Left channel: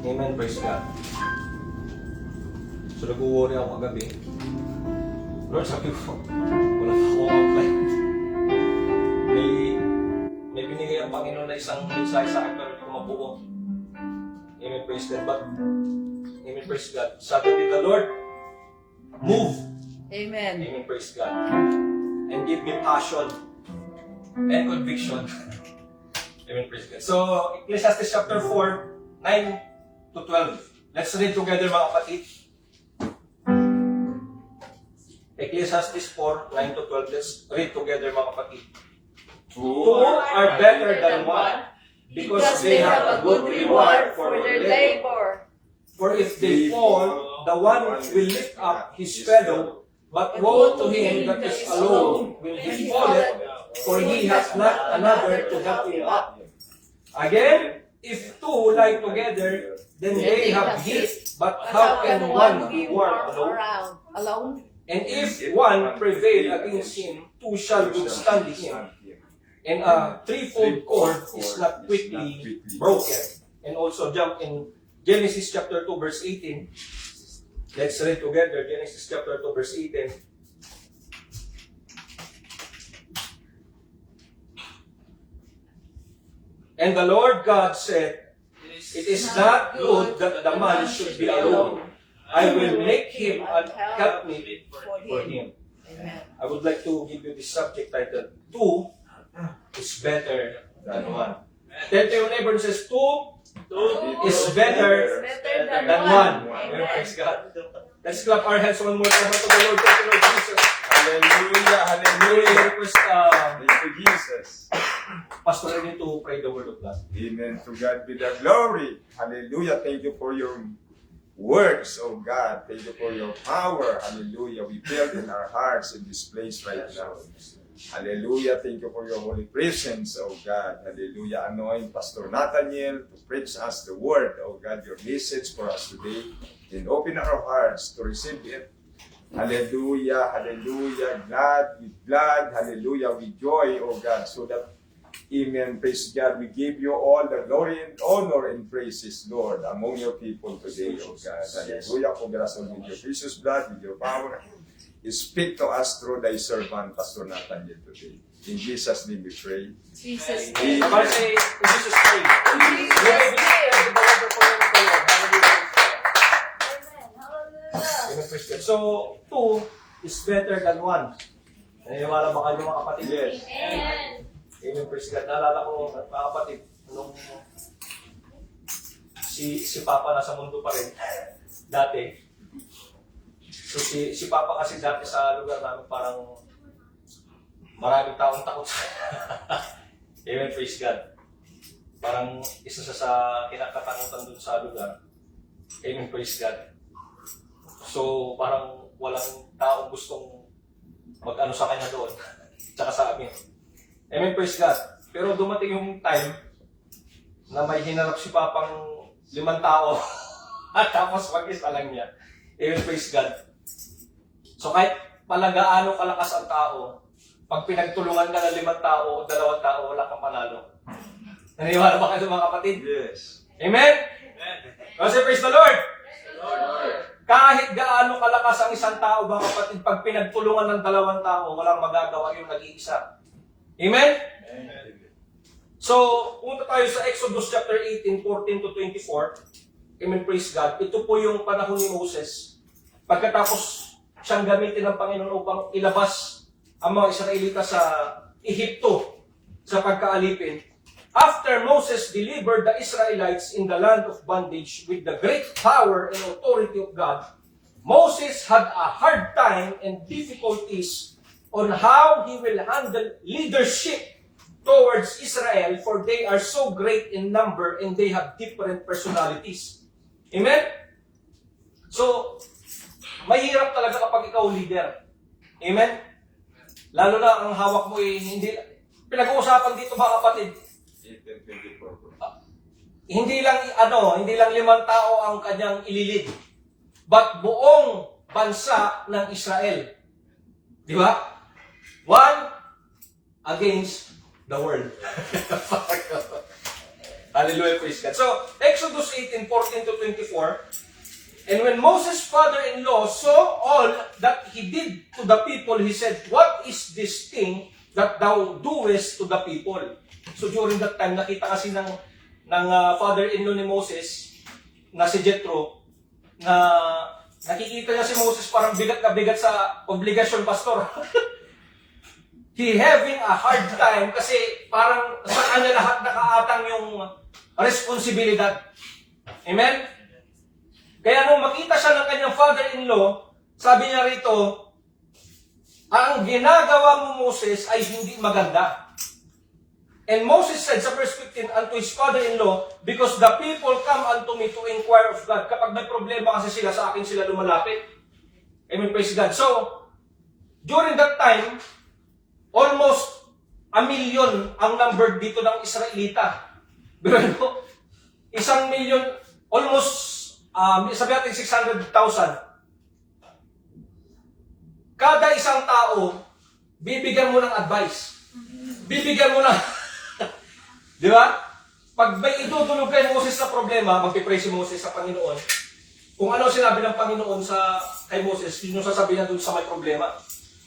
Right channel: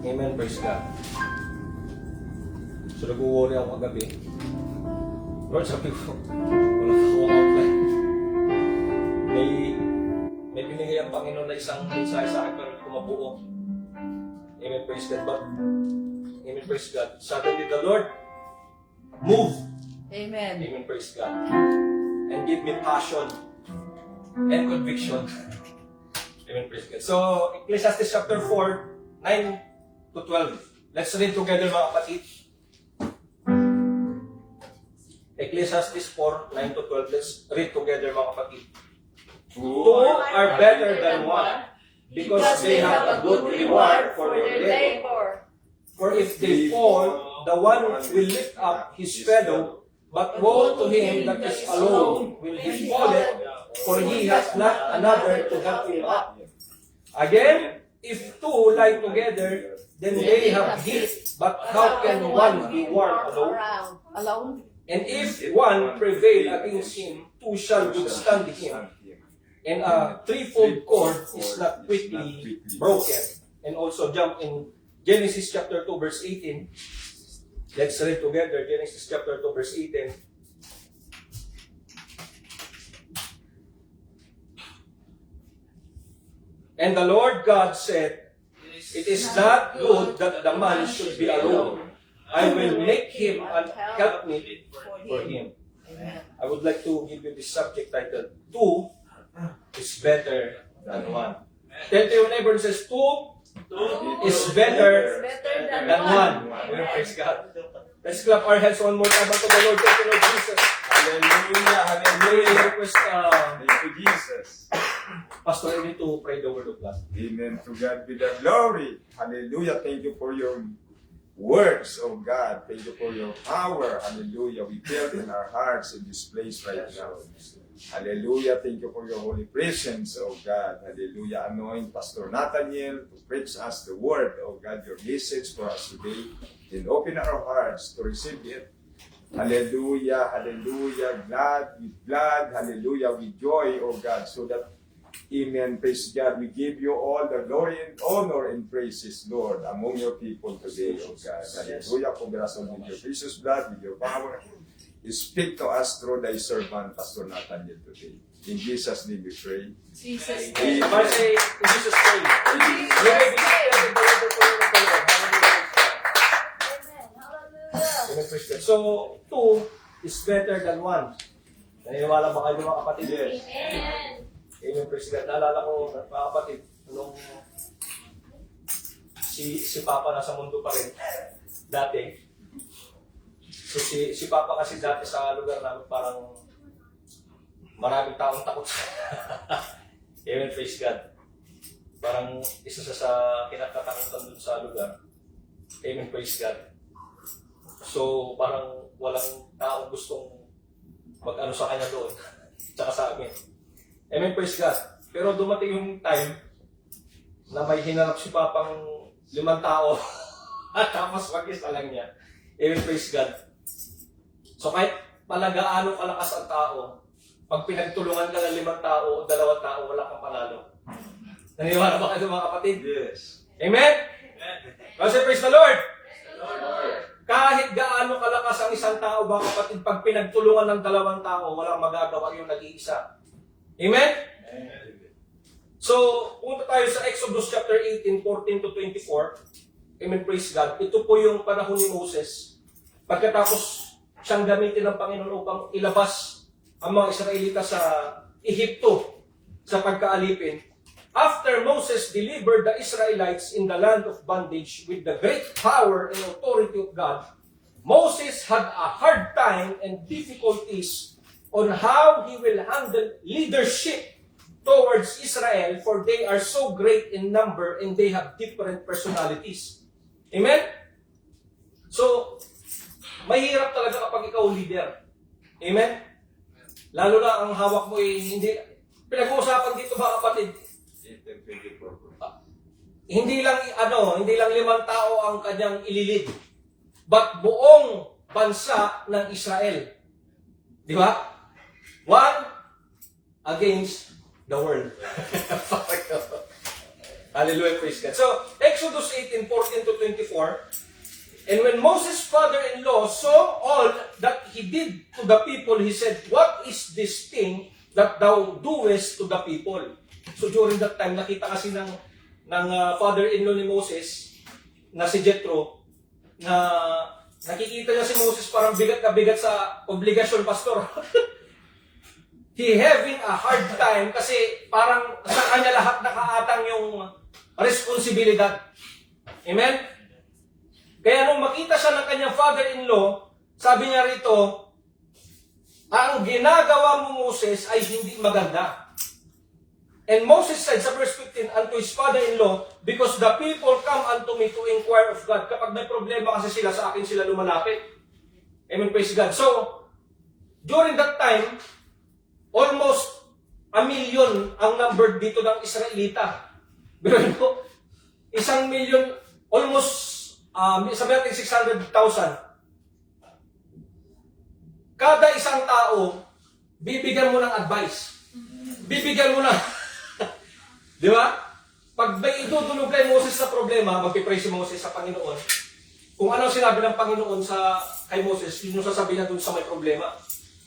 Amen, praise God. So nag-worry ako kagabi. Lord, sabi ko, wala pa ako outline. May binigay ang Panginoon na isang mensahe sa akin pero hindi ko mabuo. Amen, praise God. But, amen, praise God. Suddenly the Lord move. Amen. Amen, praise God. And give me passion and conviction. Amen, praise God. So, Ecclesiastes chapter 4, 9 to 12. Let's read together mga kapatid. Ecclesiastes 4, 9 to 12. Let's read together mga kapatid. Two are better than one because they have a good reward for their labor. For if they fall, the one will lift up his fellow, but woe to him that is alone when he falleth, for he hath not another to help him up. Again, if two lie together, then they have heat, but how can one be warm alone? And if one prevail against him, two shall withstand him. And a threefold cord is not quickly broken. And also jump in Genesis chapter 2 verse 18. Let's read together Genesis chapter 2 verse 18. And the Lord God said, it is not good that the man should be alone. I will make him an helpmeet for him. I would like to give you this subject title, two is better than one. Tell to your neighbor, it says, two is better than one. Praise God. Let's clap our hands one more time unto the Lord. Thank you, Lord Jesus. Hallelujah, hallelujah. Request, Thank you, Jesus. Pastor, I need to pray the word of God. Amen. To God be the glory. Hallelujah. Thank you for your words, oh God. Thank you for your power. Hallelujah. We feel in our hearts in this place right now. Hallelujah. Thank you for your holy presence, oh God. Hallelujah. Anoint Pastor Nathaniel to preach us the word, oh God, your message for us today. And open our hearts to receive it. Hallelujah. Hallelujah. Glad. Hallelujah. With joy, oh God. So that, amen. Praise God. We give you all the glory and honor and praises, Lord, among your people today, oh God. Hallelujah. Congratulations with your precious blood, with your power. You speak to us through thy servant, Pastor Nathaniel, today. In Jesus' name we pray. Jesus' name. Somebody say, in Jesus' name. Amen, praise God. So, two is better than one. Naniniwala ba kayo mga kapatid? Yes. Amen, praise God. Naalala ko, mga kapatid, nung si Papa nasa mundo pa rin, dati. So si Papa kasi dati sa lugar namin parang maraming taong takot sa Amen, praise God. Parang isa sa kinakatakutan dun sa lugar. Amen, praise God. So parang walang taong gustong mag-ano sa kanya doon. Tsaka sa amin. Amen, praise God. Pero dumating yung time na may hinanap si Papang 5 tao at tapos mag-isa lang niya. Amen, praise God. So kahit palagaano kalakas ang tao, pag pinagtulungan ka ng 5 tao o 2 tao, wala kang panalo. Naniniwala ba kayo mga kapatid? Yes. Amen? Kasi praise the Lord! Kahit gaano kalakas ang isang tao, mga kapatid, pag pinagtulungan ng 2 tao, walang magagawa yung nag-iisa. Amen? So, punta tayo sa Exodus chapter 18, 14 to 24. Amen, praise God. Ito po yung panahon ni Moses. Pagkatapos siyang gamitin ng Panginoon upang ilabas ang mga Israelita sa Ehipto sa pagkaalipin. After Moses delivered the Israelites in the land of bondage with the great power and authority of God, Moses had a hard time and difficulties on how he will handle leadership towards Israel, for they are so great in number and they have different personalities. Amen? So, mahirap talaga kapag ikaw leader. Amen? Lalo na ang hawak mo hindi, pinag-uusapan dito mga kapatid, hindi lang 5 tao ang kanyang ililid, but buong bansa ng Israel. Di ba? One against the world. Hallelujah, praise God. So, Exodus 18:14 to 24. And when Moses' father-in-law saw all that he did to the people, he said, "What is this thing that thou doest to the people?" So during that time, nakita kasi ng father-in-law ni Moses, na si Jethro, na nakikita niya si Moses parang bigat na bigat sa obligasyon, pastor. He having a hard time kasi parang sa kanya lahat nakaatang yung responsibilidad. Amen? Kaya nung makita siya ng kanyang father-in-law, sabi niya rito, ang ginagawa mo, Moses, ay hindi maganda. And Moses said sa verse 15 unto his father-in-law, because the people come unto me to inquire of God. Kapag may problema kasi sila, sa akin sila lumalapit. Amen, praise God. So, during that time, almost 1 million ang number dito ng Israelita. Pero 1 million, almost, sabi natin 600,000. Kada isang tao, bibigyan mo ng advice. Bibigyan mo ng, di ba? Pag may itutulog kay Moses na problema, magpipray si Moses sa Panginoon. Kung ano sinabi ng Panginoon kay Moses, yun yung sasabihin niya dun sa may problema.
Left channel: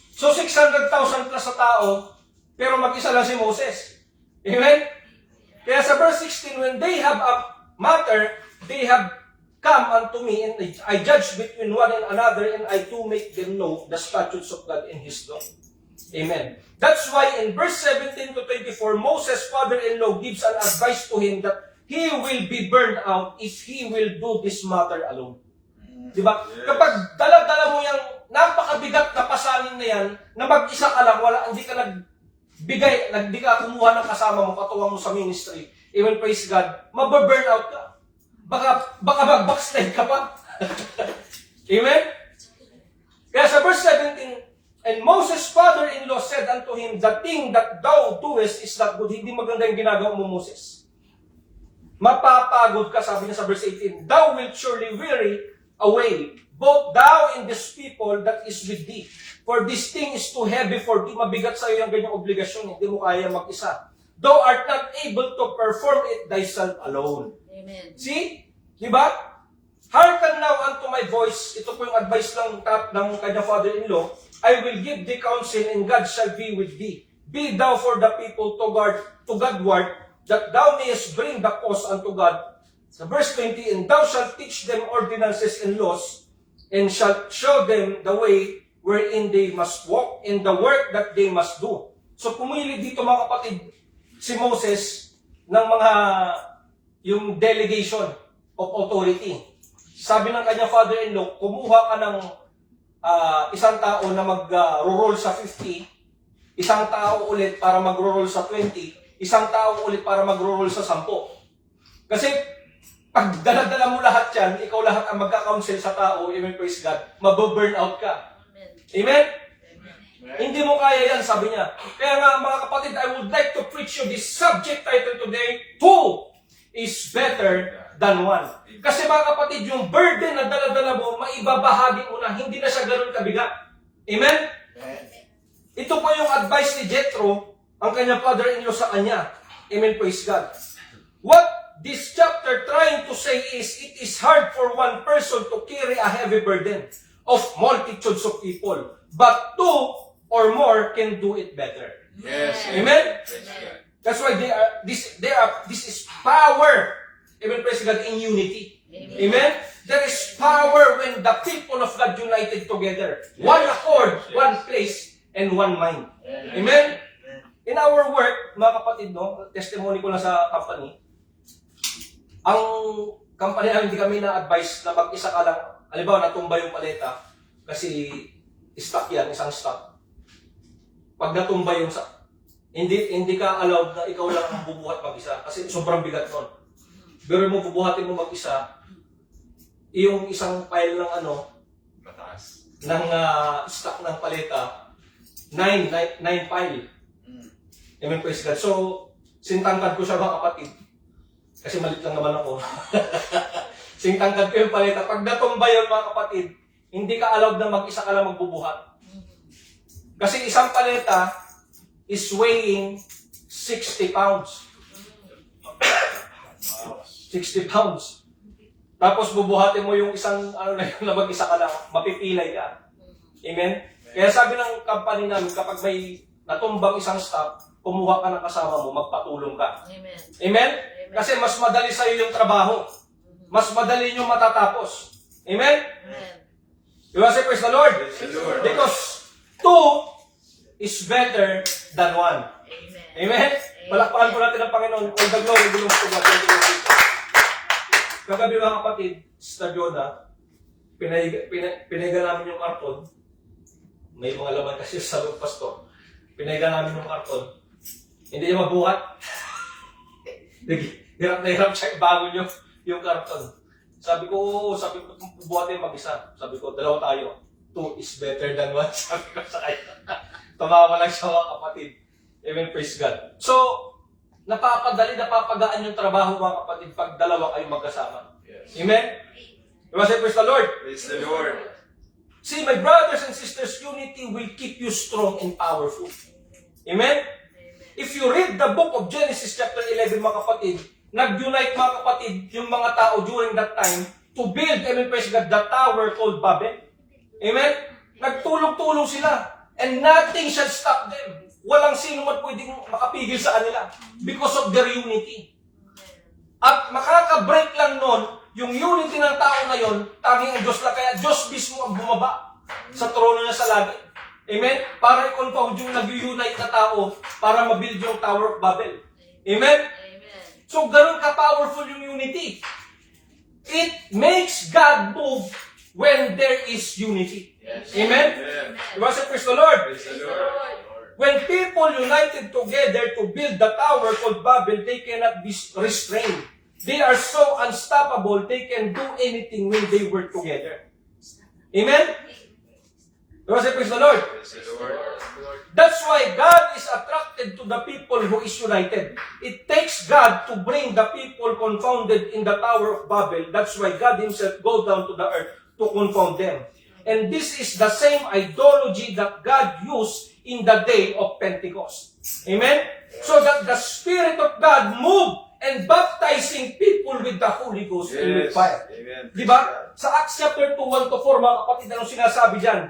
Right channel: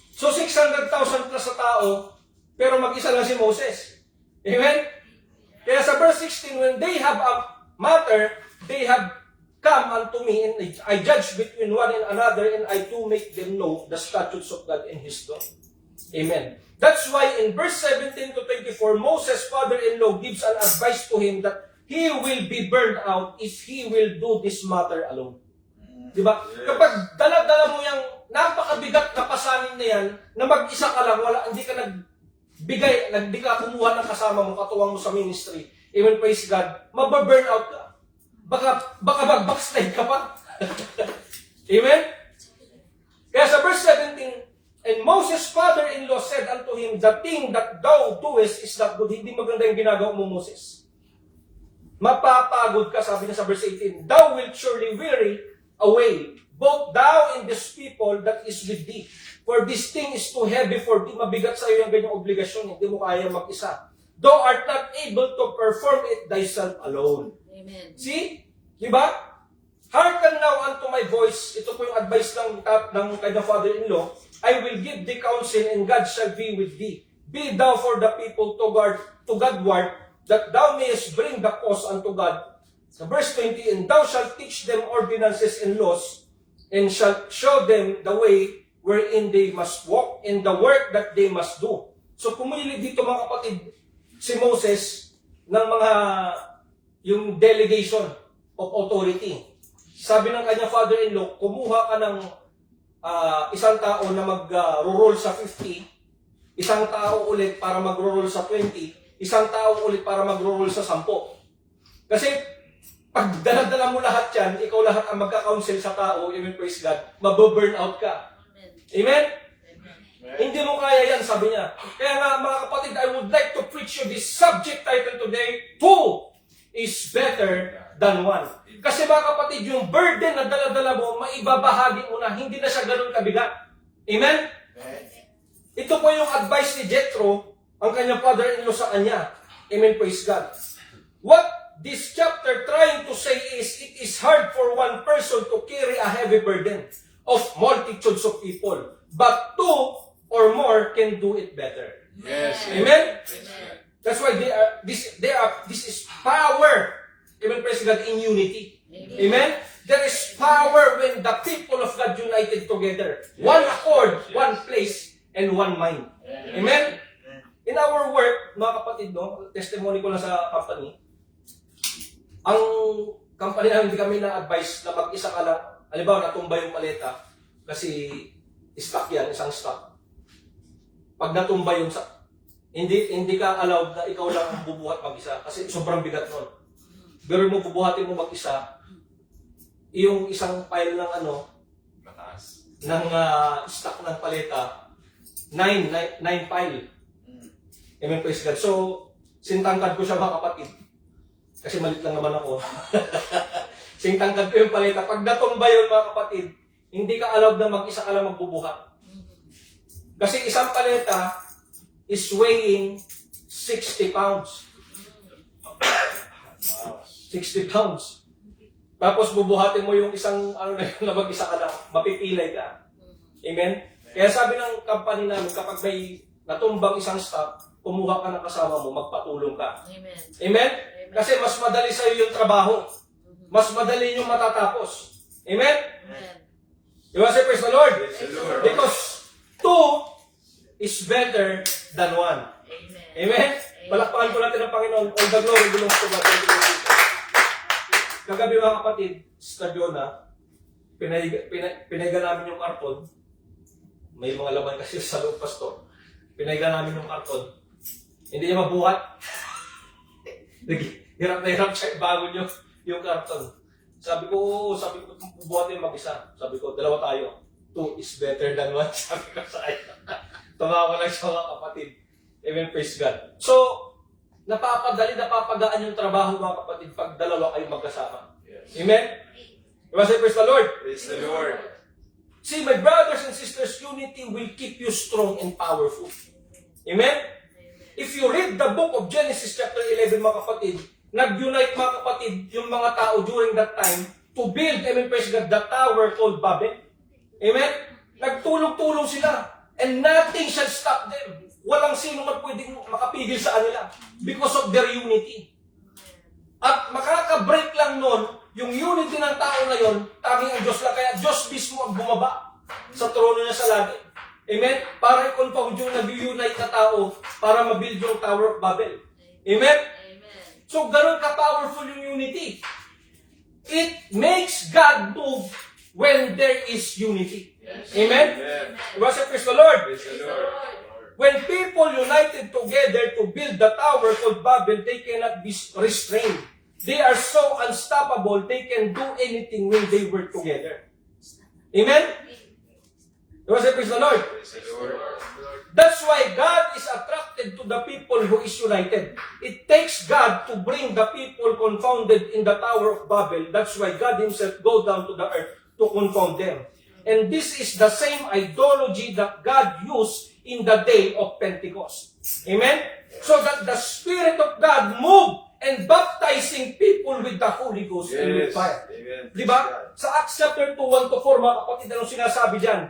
So 600,000 plus sa tao, pero mag-isa lang si Moses. Amen? Kaya sa verse 16, when they have a matter, they have come unto me, and I judge between one and another, and I do make them know the statutes of God and His law. Amen. That's why in verse 17 to 24, Moses' father-in-law gives an advice to him that he will be burned out if he will do this matter alone. Diba? Yes. Kapag dala-dala mo yung napakabigat na pasanin na yan, na mag-isa ka lang, hindi ka nagbigay, hindi ka kumuha ng kasama mo, katuwang mo sa ministry. Amen, praise God. Mababurn out ka. Baka mag-backslide ka pa. Amen? Kaya sa verse 17, and Moses' father-in-law said unto him, the thing that thou doest is not good. Hindi maganda yung ginagawa mo, Moses. Mapapagod ka, sabi niya sa verse 18, thou wilt surely weary away, both thou and this people that is with thee. For this thing is too heavy for thee. Mabigat sa iyo yung ganyang obligasyon. Hindi mo kaya mag-isa. Thou art not able to perform it thyself alone. Amen. See? Diba? Hearken now unto my voice. Ito po yung advice ng kanyang father-in-law. I will give thee counsel, and God shall be with thee. Be thou for the people to Godward, that thou mayest bring the cause unto God. Sa verse 20, and thou shalt teach them ordinances and laws, and shalt show them the way wherein they must walk, and the work that they must do. So pumili dito mga kapatid, si Moses ng yung delegation of authority. Sabi ng kanyang father-in-law, kumuha ka ng isang tao na mag-roll sa 50, isang tao ulit para mag-roll sa 20, isang tao ulit para mag-roll sa 10. Kasi pag dala-dala mo lahat yan, ikaw lahat ang magka-counsel sa tao, amen, praise God, mababurn out ka. Amen? Amen? Hindi mo kaya yan, sabi niya. Kaya nga mga kapatid, I would like to preach you this subject title today, 2 is better than 1. Kasi mga kapatid, yung burden na dala-dala mo, maibabahagi mo na, hindi na siya ganoon kabigat. Amen? Ito po yung advice ni Jethro, ang kanyang father-in-law sa kanya. Amen, praise God. What this chapter trying to say is, it is hard for one person to carry a heavy burden of multitudes of people, but 2 or more can do it better. Yes. Amen? Amen. That's why this is power. Amen, praise God, in unity. Amen? There is power when the people of God united together. One accord, one place, and one mind. Amen? In our work, mga kapatid, no, testimony ko na sa company, ang company namin, hindi kami na-advise na mag-isa ka lang. Halimbawa, natumba yung paleta, kasi stock yan, isang stock. Pag natumba yung hindi ka allowed na ikaw lang ang bubuhat mag-isa, kasi sobrang bigat nun. Pero mo bubuhatin mo mag-isa, yung isang pile ng Mataas. ng stock ng paleta, 9 pile. Amen, praise God. So, sintangkad ko siya mga kapatid. Kasi malit lang naman ako. Sintangkad ko yung paleta. Pag natumba yun mga kapatid, hindi ka allowed na mag-isa ka lang magbubuhat. Kasi isang paleta is weighing 60 pounds. 60 pounds. Tapos bubuhatin mo yung isang, ano na yun, na mag-isa ka lang, mapipilay ka. Amen? Kaya sabi ng company namin, kapag may natumbang isang stock, kumuha ka ng kasama mo, magpatulong ka. Amen. Amen? Kasi mas madali sa'yo yung trabaho. Mas madali yung matatapos. Amen? Amen. You want to say praise the Lord? Praise the Lord. Because two is better than one. Amen. Amen? Palakpakan po natin ang Panginoon. All the glory belongs to God. Kagabi mga kapatid, Sister Jonah, pinahiga namin yung karton. May mga laman kasi sa loob, pastor. Pinahiga namin yung karton. Hindi niya mabuhat. Hirap na hirap siya ibangon yung karton. Sabi ko, bubuhatin mag-isa. Sabi ko, dalawa tayo. Two is better than one. Sabi ko sa kanya. Tumawa lang siya mga kapatid. Amen, praise God. So, napapagaan yung trabaho mga kapatid pag dalawa kayo magkasama. Yes. Amen? You want to say praise the Lord? Praise the Lord. See, my brothers and sisters, unity will keep you strong and powerful. Amen? If you read the book of Genesis chapter 11, mga kapatid, nag-unite mga kapatid yung mga tao during that time to build, amen, praise God, the tower called Babel. Amen? Nagtulong-tulong sila. And nothing shall stop them. Walang sino man pwedeng makapigil sa kanila because of their unity. At makaka-break lang nun, yung unity ng tao ngayon, tanging ang Diyos lang. Kaya Diyos mismo ang bumaba sa trono niya sa langit. Amen? Para i-compound yung nag-unite na tao para mabuild yung Tower of Babel. Amen? Amen. So, ganun ka-powerful yung unity. It makes God move when there is unity. Yes. Amen? Amen. You want to praise the Lord? Praise the Praise the Lord. Lord. When people united together to build the tower called Babel, they cannot be restrained. They are so unstoppable, they can do anything when they work together. Amen? You want to say praise the Lord? Praise the Lord. That's why God is attracted to the people who is united. It takes God to bring the people confounded in the Tower of Babel. That's why God Himself goes down to the earth to confound them. And this is the same ideology that God used in the day of Pentecost. Amen? So that the Spirit of God moved and baptizing people with the Holy Ghost and with Yes. fire. Amen. Diba? Sa Acts chapter 2, 1-4, mga kapatid, anong sinasabi dyan?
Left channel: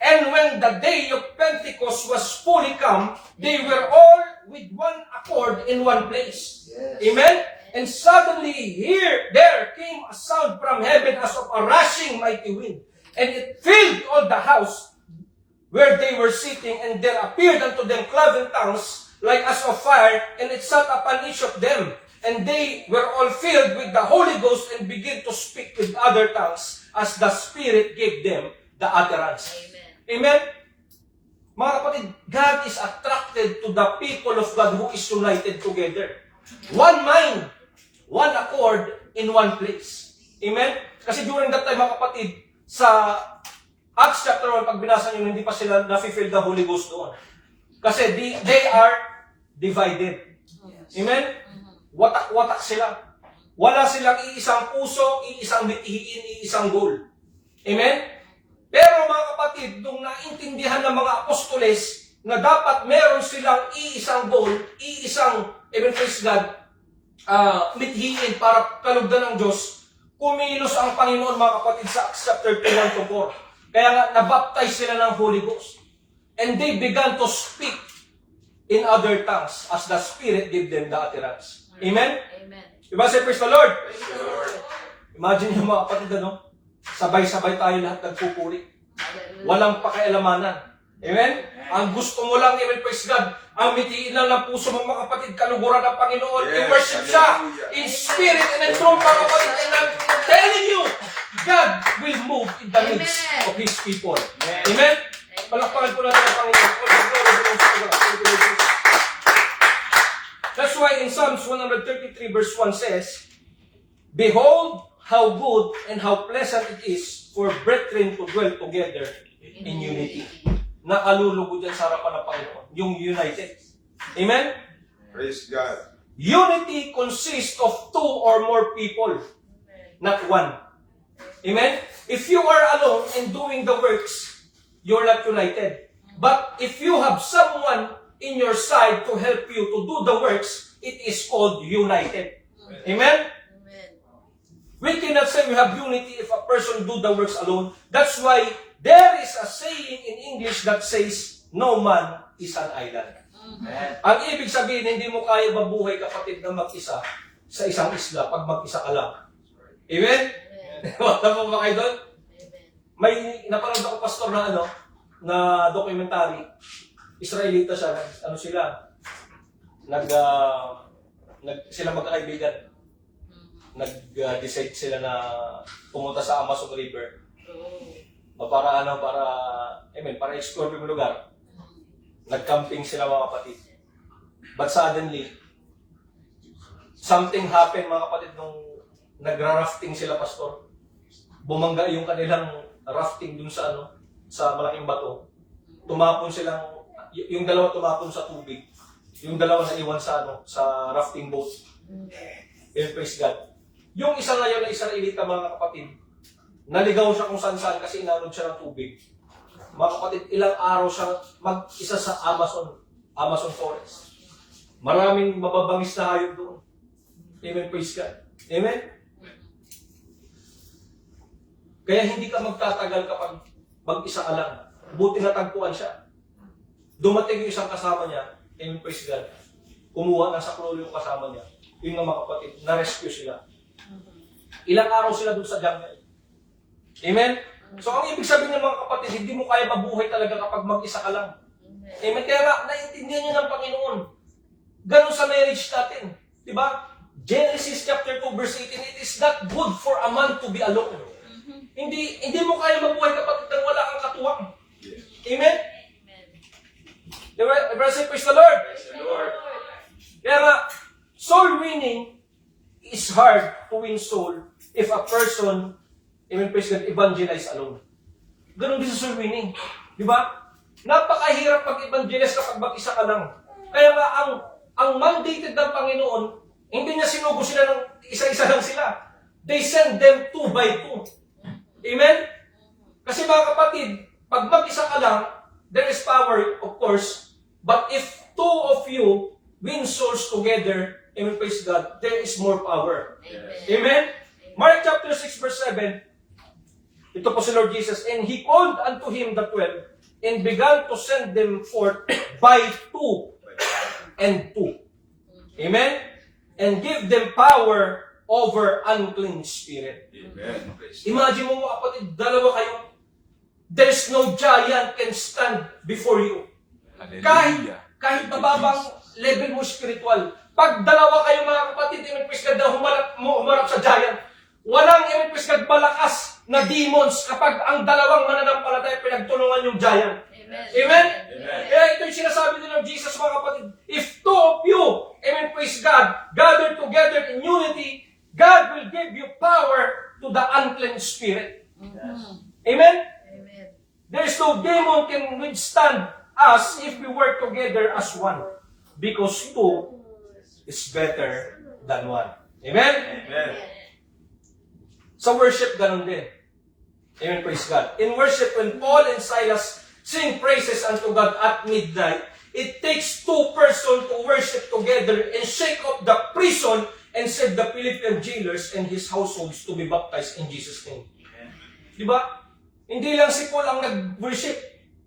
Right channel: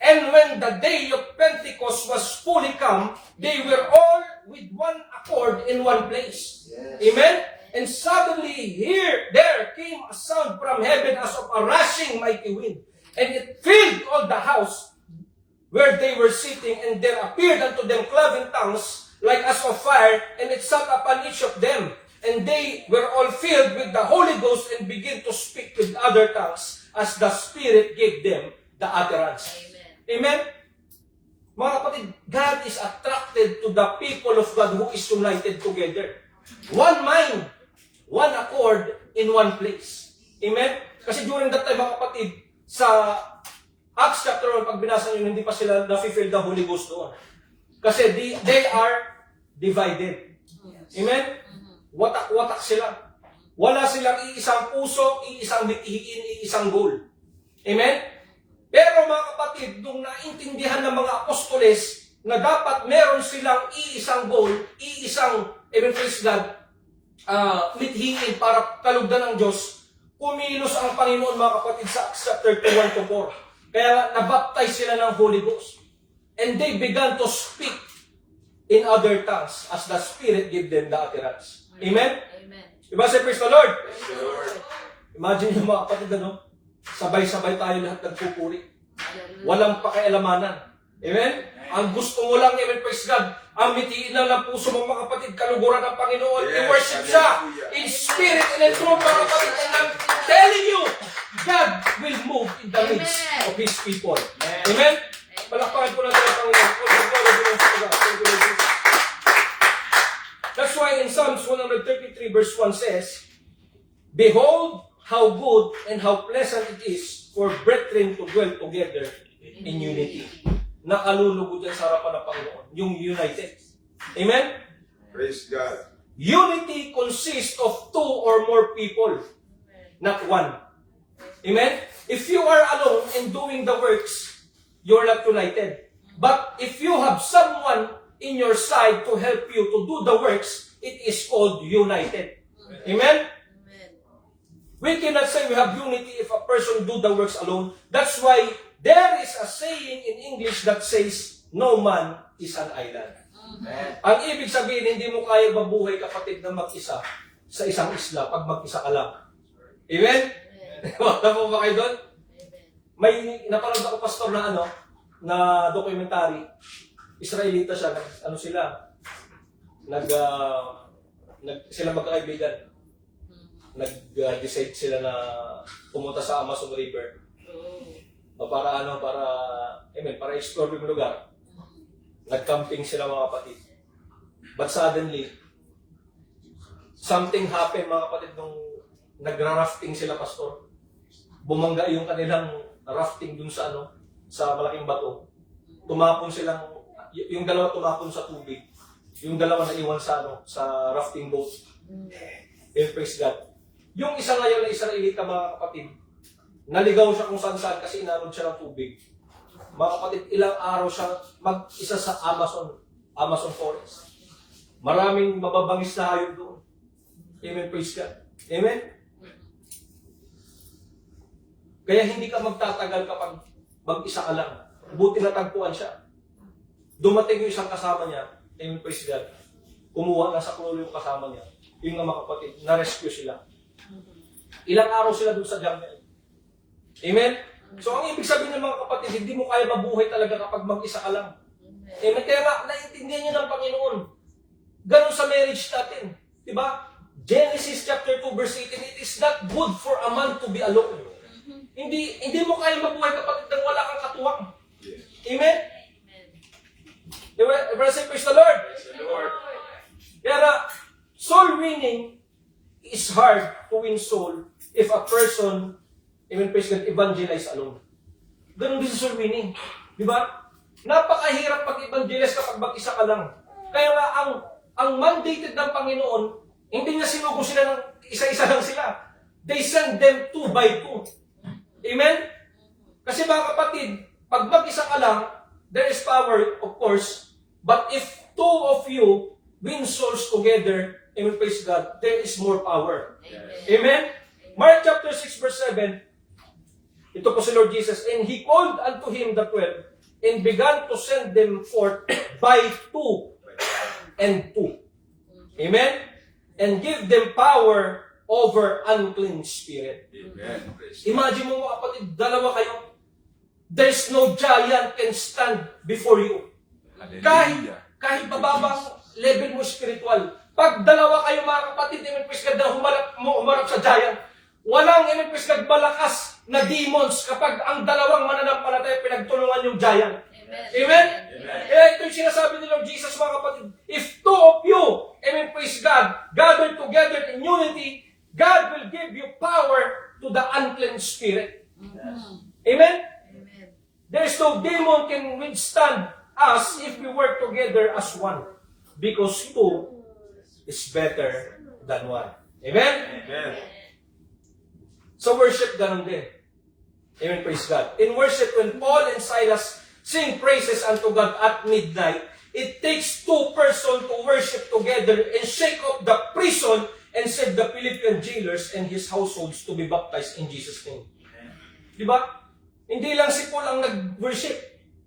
And when the day of Pentecost was fully come, they were all with one accord in one place. Yes. Amen? And suddenly, there came a sound from heaven as of a rushing mighty wind. And it filled all the house where they were sitting, and there appeared unto them cloven tongues like as of fire, and it sat upon each of them. And they were all filled with the Holy Ghost and began to speak with other tongues as the Spirit gave them the utterance. Amen. Amen? Mga kapatid, God is attracted to the people of God who is united together. One mind, one accord, in one place. Amen? Kasi during that time, mga kapatid, sa Acts chapter 1, pag binasa nyo, hindi pa sila na-fulfill the Holy Ghost doon. Kasi they are divided. Amen? Watak-watak sila. Wala silang iisang puso, iisang mithiin, iisang goal. Amen? Pero mga kapatid, nung naintindihan ng mga apostoles na dapat meron silang iisang goal, iisang, even praise God, mithiin para kalugdan ng Diyos, kumilos ang Panginoon mga kapatid sa Acts chapter 2, 1-4. Kaya nga, nabaptize sila ng Holy Ghost. And they began to speak in other tongues as the Spirit gave them the utterance. Amen? Amen. Diba say, praise the Lord? Praise the Lord. Imagine yung mga kapatid, ano? Sabay-sabay tayo lahat nagpupuri. Hallelujah. Walang pakialamanan. Amen? Ang gusto mo lang, amen, praise God, ang mitiin lang ng puso mo, mga kapatid, kaluguran ng Panginoon. Yes, I-worship siya hallelujah. in spirit and in truth, mga kapatid. And I'm telling you, God will move in the midst Amen. of His people. Amen? Palakpakan po natin ang Panginoon. All the glory belongs to God. Thank you, Lord Jesus. That's why in Psalms 133 verse 1 says, Behold, how good and how pleasant it is for brethren to dwell together in unity. Nakalulugod yan sa harapan ng Panginoon, yung united. Amen? Praise God. Unity consists of two or more people, not one. Amen? If you are alone and doing the works, you're not united. But if you have someone in your side to help you to do the works, it is called united. Amen? Amen. We cannot say we have unity if a person do the works alone. That's why there is a saying in English that says, no man is an island. Ang ibig sabihin, hindi mo kaya mabuhay, kapatid, na mag-isa sa isang isla pag mag-isa ka lang. Amen? Wala po ba kayo doon? May napanood ako, pastor, na na documentary. Israelita siya. Sila? Sila magkakaibigan. Nag-decide sila na pumunta sa Amazon River. Para explore yung lugar. Nag-camping sila, mga kapatid. But suddenly, something happened, mga kapatid, nung nagra-rafting sila, pastor. Bumangga yung kanilang rafting dun sa sa malaking bato. Tumapon silang, yung dalawa tumapon sa tubig. Yung dalawa na iwan sa rafting boat. Praise God. Yung isa ngayon na Israelita, mga kapatid, naligaw siya kung saan-saan kasi inanod siya ng tubig. Mga kapatid, ilang araw siya mag-isa sa Amazon forest. Maraming mababangis na hayop doon. Amen, praise God. Amen? Kaya hindi ka magtatagal kapag mag-isa ka lang. Buti natagpuan siya. Dumating yung isang kasama niya, amen, praise God. Kumuha na sa klulo yung kasama niya. Yung mga kapatid, na-rescue sila. Ilang araw sila doon sa jungle. Amen? So ang ibig sabihin ng mga kapatid, hindi mo kaya mabuhay talaga kapag mag-isa ka lang. Amen? Kaya nga, naiintindihan nyo ng Panginoon. Ganun sa marriage natin. Diba? Genesis chapter 2 verse 18, it is not good for a man to be alone. Hindi mo kaya mabuhay kapag wala kang katuwang. Amen? Diba? Praise the Lord. Kaya nga, soul winning is hard to win soul if a person, amen, praise God, evangelize alone. Ganun din sa soul winning. Di ba? Napakahirap pag-evangelize kapag mag-isa ka lang. Kaya nga, ang mandated ng Panginoon, hindi niya sinugo sila ng isa-isa lang sila. They send them 2 by 2. Amen? Kasi mga kapatid, pag mag-isa ka lang, there is power, of course, but if 2 of you win souls together, amen, praise God, there is more power. Amen? Mark chapter 6 verse 7, ito po si Lord Jesus, and He called unto Him the 12, and began to send them forth by 2 and 2. Amen? And give them power over unclean spirit. Amen. Imagine mo, kapatid, dalawa kayo, there's no giant can stand before you. Kahit mababang level mo spiritual, pag dalawa kayo, mga kapatid, praise God, na humarap sa giant, walang praise God, malakas na demons kapag ang dalawang mananampalataya pinagtulungan yung giant. Amen. Amen? Amen. Kaya ito yung sinasabi ni Lord Jesus, mga kapatid, if 2 of you, amen, praise God, gather together in unity, God will give you power to the unclean spirit. Amen? Amen. There is no demon can withstand us if we work together as one. Because 2 is better than 1. Amen? Amen. Sa worship, ganun din. Amen, praise God. In worship, when Paul and Silas sing praises unto God at midnight, it takes 2 persons to worship together and shake up the prison and save the Philippian jailers and his households to be baptized in Jesus' name. Diba? Hindi lang si Paul ang nag-worship.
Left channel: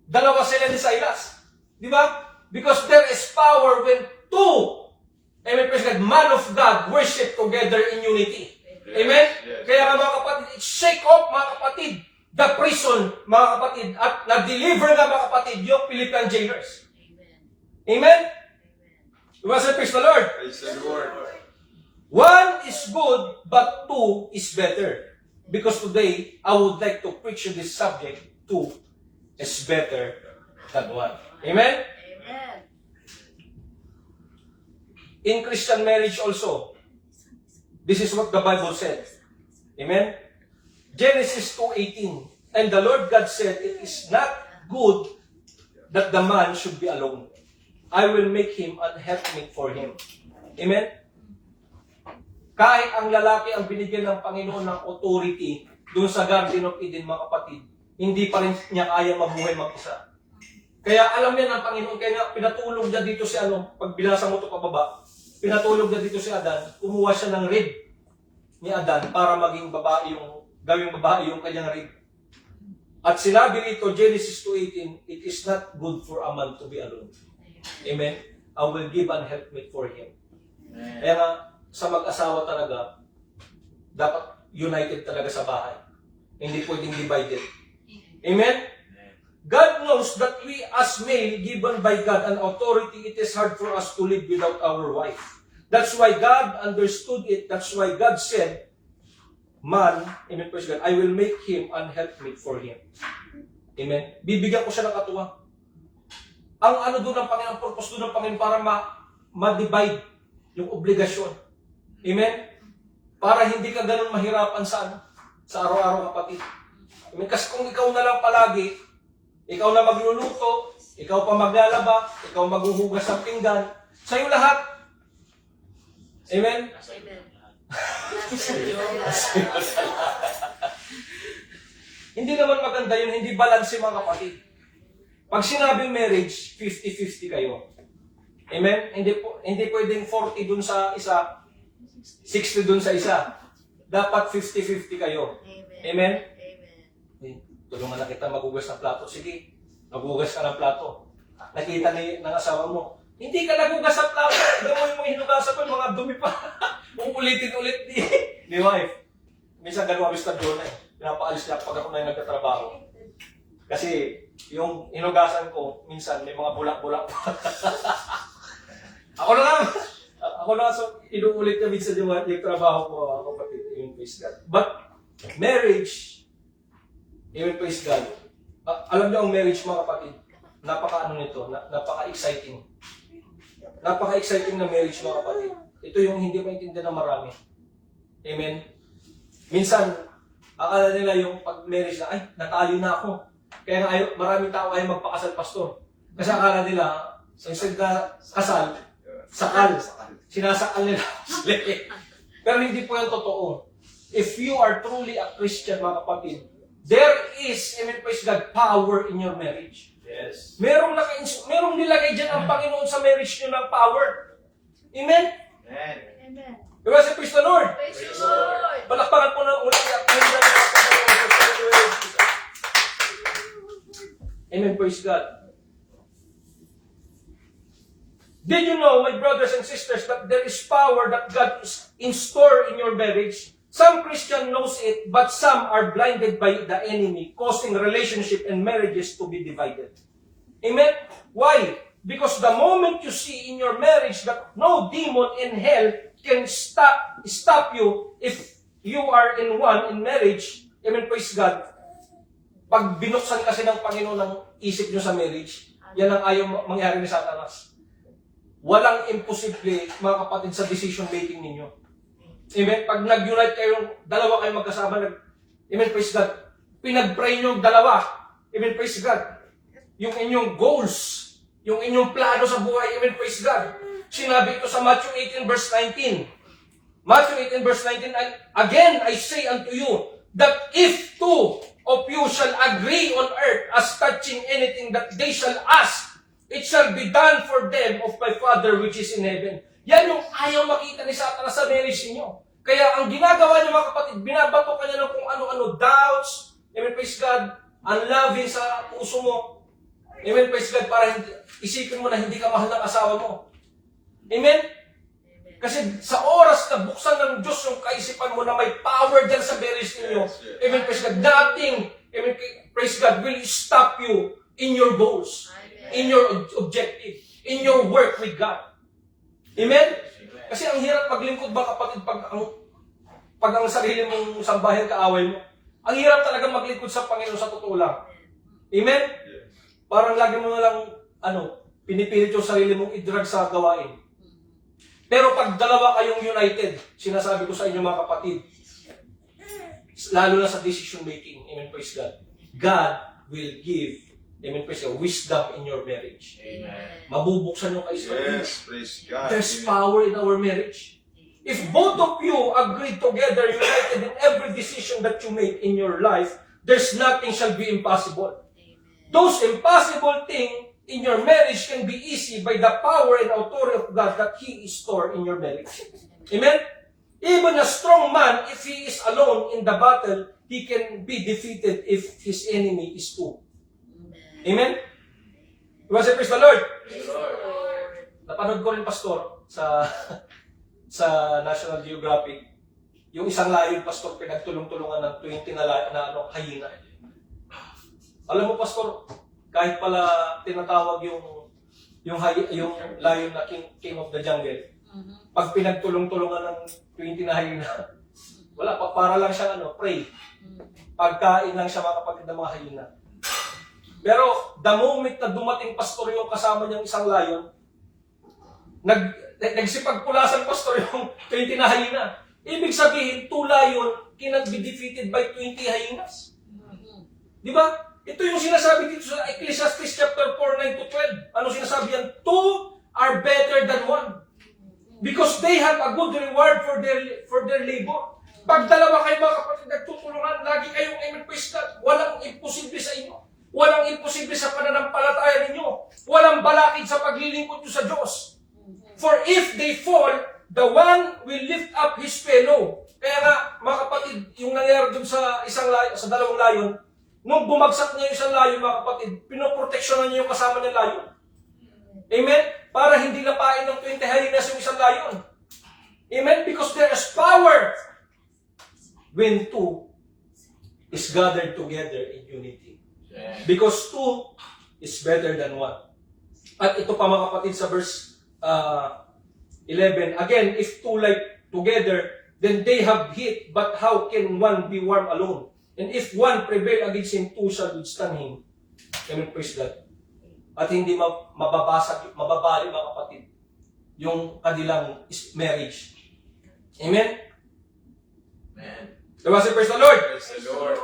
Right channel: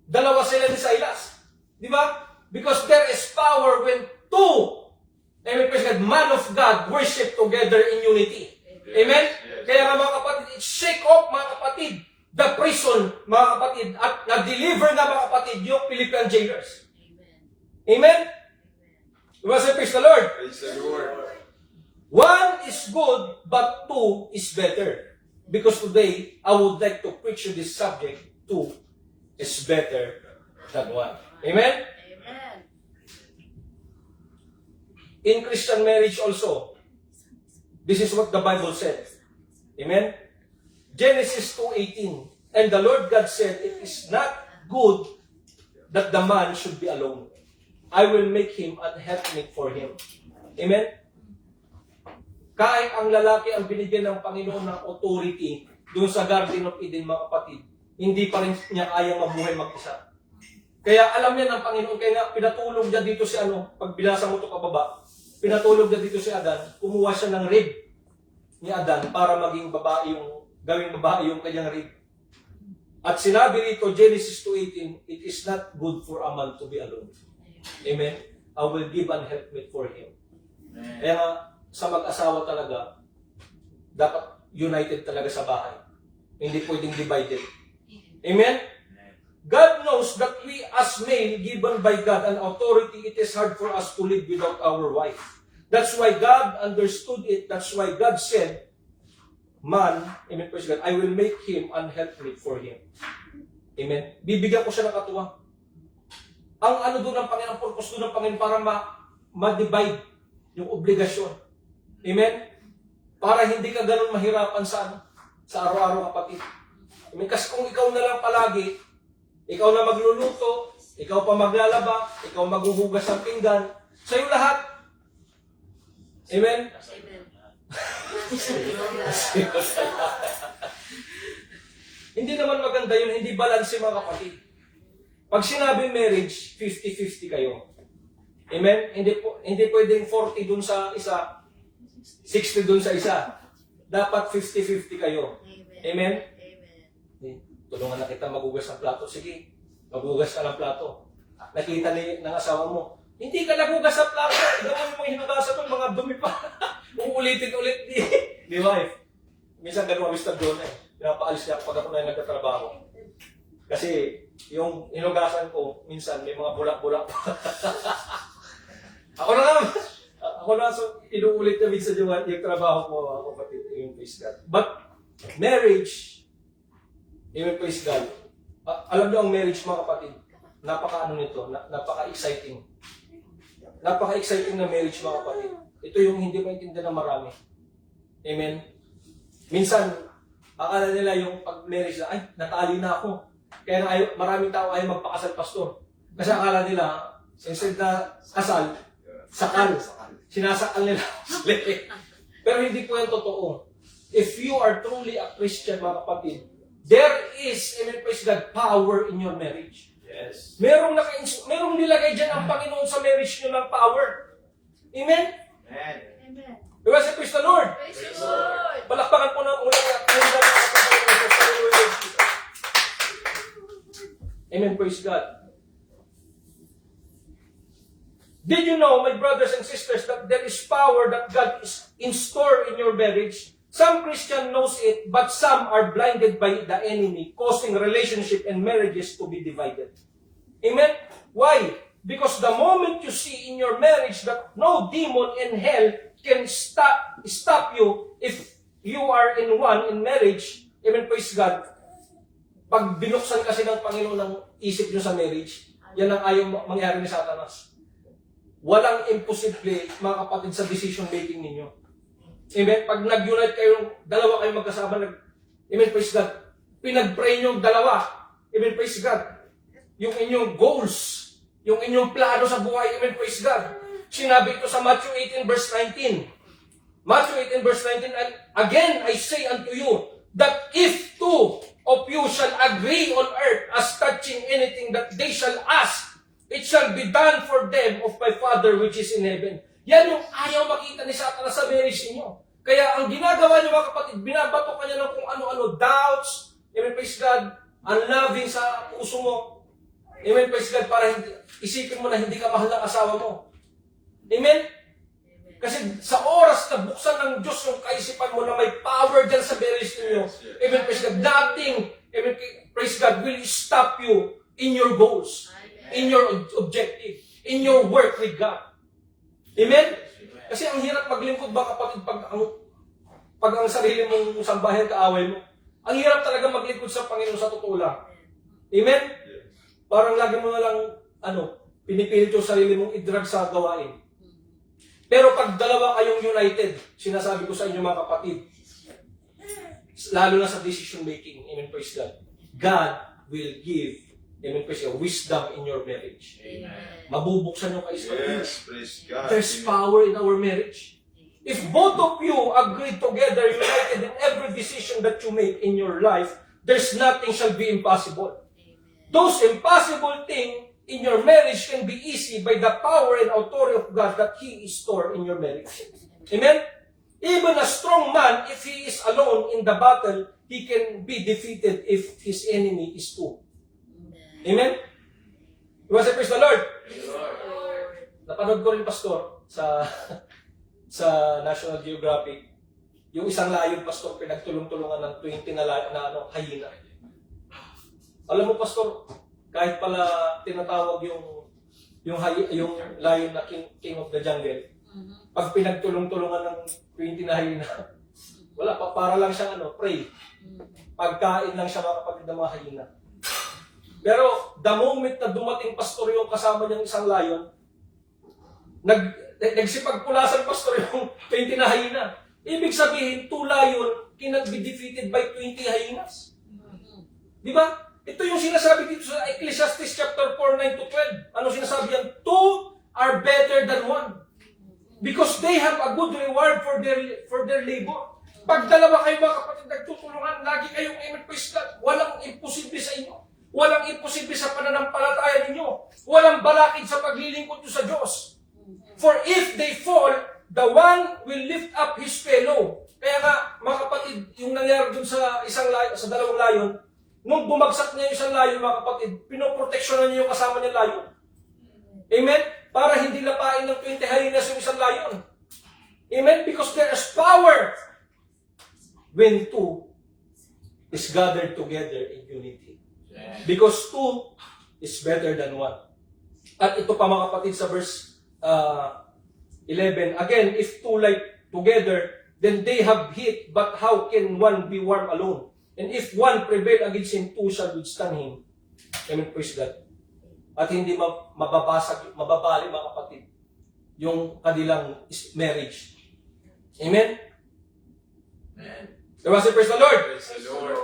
Dalawa sila ni Silas. Diba? Because there is power when 2, amen, praise God, man of God worship together in unity. Amen? Yes. Kaya mga kapatid, shake off, mga kapatid, the prison, mga kapatid, at na-deliver na, mga kapatid, yung Philippian jailers. Amen? Diba sa praise the Lord? Praise the Lord. 1 is good, but 2 is better. Because today, I would like to preach you this subject, 2 is better than 1. Amen? Amen. In Christian marriage also, this is what the Bible said. Amen? Genesis 2:18, and the Lord God said, it is not good that the man should be alone. I will make him an helpmate for him. Amen? Kahit ang lalaki ang binigyan ng Panginoon ng authority doon sa Garden of Eden, mga kapatid, hindi pa rin niya kaya mabuhay mag-isa. Kaya alam niya ng Panginoon, kaya pinatulog niya dito si pag binasa mo ito pababa, pinatulog niya dito si Adan, kumuha siya ng rib. ni Adan para maging babae gawing babae yung kanyang rib. At sinabi rito, Genesis 2:18, it is not good for a man to be alone. Amen? I will give an helpmate for him. Kaya nga, sa mag-asawa talaga, dapat united talaga sa bahay. Hindi pwedeng divided. Amen? God knows that we as male, given by God an authority, it is hard for us to live without our wife. That's why God understood it. That's why God said, man, amen, praise God, I will make him an helpmate for him. Amen? Bibigyan ko siya ng katuwang. Ang ano doon ng Panginoon, ang purpose doon ng Panginoon para ma-divide yung obligasyon. Amen? Para hindi ka ganun mahirapan sa araw-araw, kapatid. Amen? Kasi kung ikaw na lang palagi, ikaw na magluluto, ikaw pa maglalaba, ikaw maghuhugas ng pinggan, sa'yo lahat. Amen? Amen. Hindi naman maganda yun, hindi balance mga kapatid. Pag sinabing marriage, 50-50 kayo. Amen? Hindi pwedeng 40 dun sa isa, 60 dun sa isa. Dapat 50-50 kayo. Amen? Amen. Tulungan na kita maghugas ng plato. Sige, maghugas ka ng plato. Nakita ng asawa mo, hindi ka naghugas ng plato. Gawin mo yung hinugasan mo, yung mga dumi pa. Uulitin ulit ni wife. Minsan ganun kami sa doon pinapaalis niya pag ako na yung nagtatrabaho. Kasi yung hinugasan ko, minsan may mga bulak-bulak pa. Ako na, so inuulit na minsan yung trabaho ko, kapatid, yung praise God. But marriage, even praise God, alam niyo ang marriage mga kapatid, napaka-ano nito, napaka-exciting. Napaka-exciting na marriage mga kapatid. Ito yung hindi maintindihan ng marami. Amen? Minsan, akala nila yung pag-marriage na, ay, natali na ako. Kaya maraming tao ay magpakasal, pastor. Kasi akala nila, instead na kasal, sakal. Sinasakal nila. Pero hindi po yan totoo. If you are truly a Christian, mga kapatid, there is, amen, praise God, power in your marriage. Yes. Merong nilagay dyan ang Panginoon sa marriage nyo ng power. Amen? Amen. Amen. Diba si praise the Lord? Praise the Lord. Palakpakan po ng ulang Amen, praise God. Did you know, my brothers and sisters, that there is power that God is in store in your marriage? Some Christian knows it, but some are blinded by the enemy, causing relationship and marriages to be divided. Amen? Why? Because the moment you see in your marriage that no demon in hell can stop you if you are in marriage, amen, praise God. Pag binuksan kasi ng Panginoon ng isip nyo sa marriage, yan ang ayaw mangyari ni Satanas. Walang imposible, mga kapatid, sa decision making ninyo. Amen? Pag nag-unite kayo, dalawa kayo magkasama, amen, praise God, pinag-pray nyo dalawa, amen, praise God, yung inyong goals, yung inyong plano sa buhay, amen, praise God. Sinabi ko sa Matthew 18 verse 19. Matthew 18 verse 19, and again I say unto you, that if two of you shall agree on earth as touching anything that they shall ask, it shall be done for them of my Father which is in heaven. Yan yung ayaw makita ni Satanas sa marriage ninyo. Kaya ang ginagawa niyo mga kapatid, binabato ka niya ng kung ano-ano, doubts, amen, praise God, unloving sa puso mo, amen, praise God, para isipin mo na hindi ka mahal ng asawa mo. Amen? Kasi sa oras na buksan ng Diyos yung kaisipan mo na may power dyan sa marriage ninyo, amen, praise God, nothing, amen, praise God, will stop you in your goals, in your objective, in your work with God. Amen? Kasi ang hirap maglingkod ba kapatid pag ang sarili mong sambahin kaaway mo. Ang hirap talaga maglingkod sa Panginoon sa totoo lang. Amen? Parang lagi mo na lang, pinipilit yung sarili mong i-drag sa gawain. Pero pag dalawa kayong united, sinasabi ko sa inyo mga kapatid, lalo na sa decision making, amen, praise God, God will give, amen, praise God, wisdom in your marriage. Amen. Mabubuksan yung kaisipan. Yes, praise God. There's Amen. power in our marriage. If both of you agree together, united in every decision that you make in your life, there's nothing shall be impossible. Those impossible things in your marriage can be easy by the power and authority of God that He is stored in your marriage. Amen? Even a strong man, if he is alone in the battle, he can be defeated if his enemy is two. Amen? Diba sa praise the Lord? Napanood ko rin, Pastor, sa sa National Geographic, yung isang layon, Pastor, pinagtulong-tulungan ng 20 na hyena. Alam mo, Pastor, kahit pala tinatawag yung lion na king of the jungle, pag pinagtulong-tulungan ng 20 na hyena, wala, para lang siya prey. Pagkain lang siya mga kapatid ng mga hyena. Pero the moment na dumating, Pastor, yung kasama niyang isang lion, nagsipagpulasan, Pastor, yung 20 na hyena. Ibig sabihin, 2 lion cannot be defeated by 20 hyenas. Di ba? Ito yung sinasabi dito sa Ecclesiastes chapter 4, 9 to 12. Ano sinasabi yan? 2 are better than 1. Because they have a good reward for their labor. Pag dalawa kayo mga kapatid nagtutulungan, lagi kayong inumpista. Walang imposible sa inyo. Walang imposible sa pananampalataya ninyo. Walang balakid sa paglilingkod nyo sa Diyos. For if they fall, the one will lift up his fellow. Kaya nga, mga kapatid, yung nangyari dun sa dalawang layon, nung bumagsak niya yung isang layon, mga kapatid, pinoproteksyonan niya yung kasama ng layon. Amen? Para hindi lapain ng 20 hyenas yung isang layon. Amen? Because there is power when 2 is gathered together in unity. Because 2 is better than 1. At ito pa mga kapatid sa verse 11. Again, if 2 lie together, then they have heat, but how can 1 be warm alone? And if 1 prevail against him, 2 shall withstand him. Amen, praise God. At hindi mababali mga kapatid yung kanilang marriage. Amen? Amen. Diba si praise the Lord? Praise the Lord.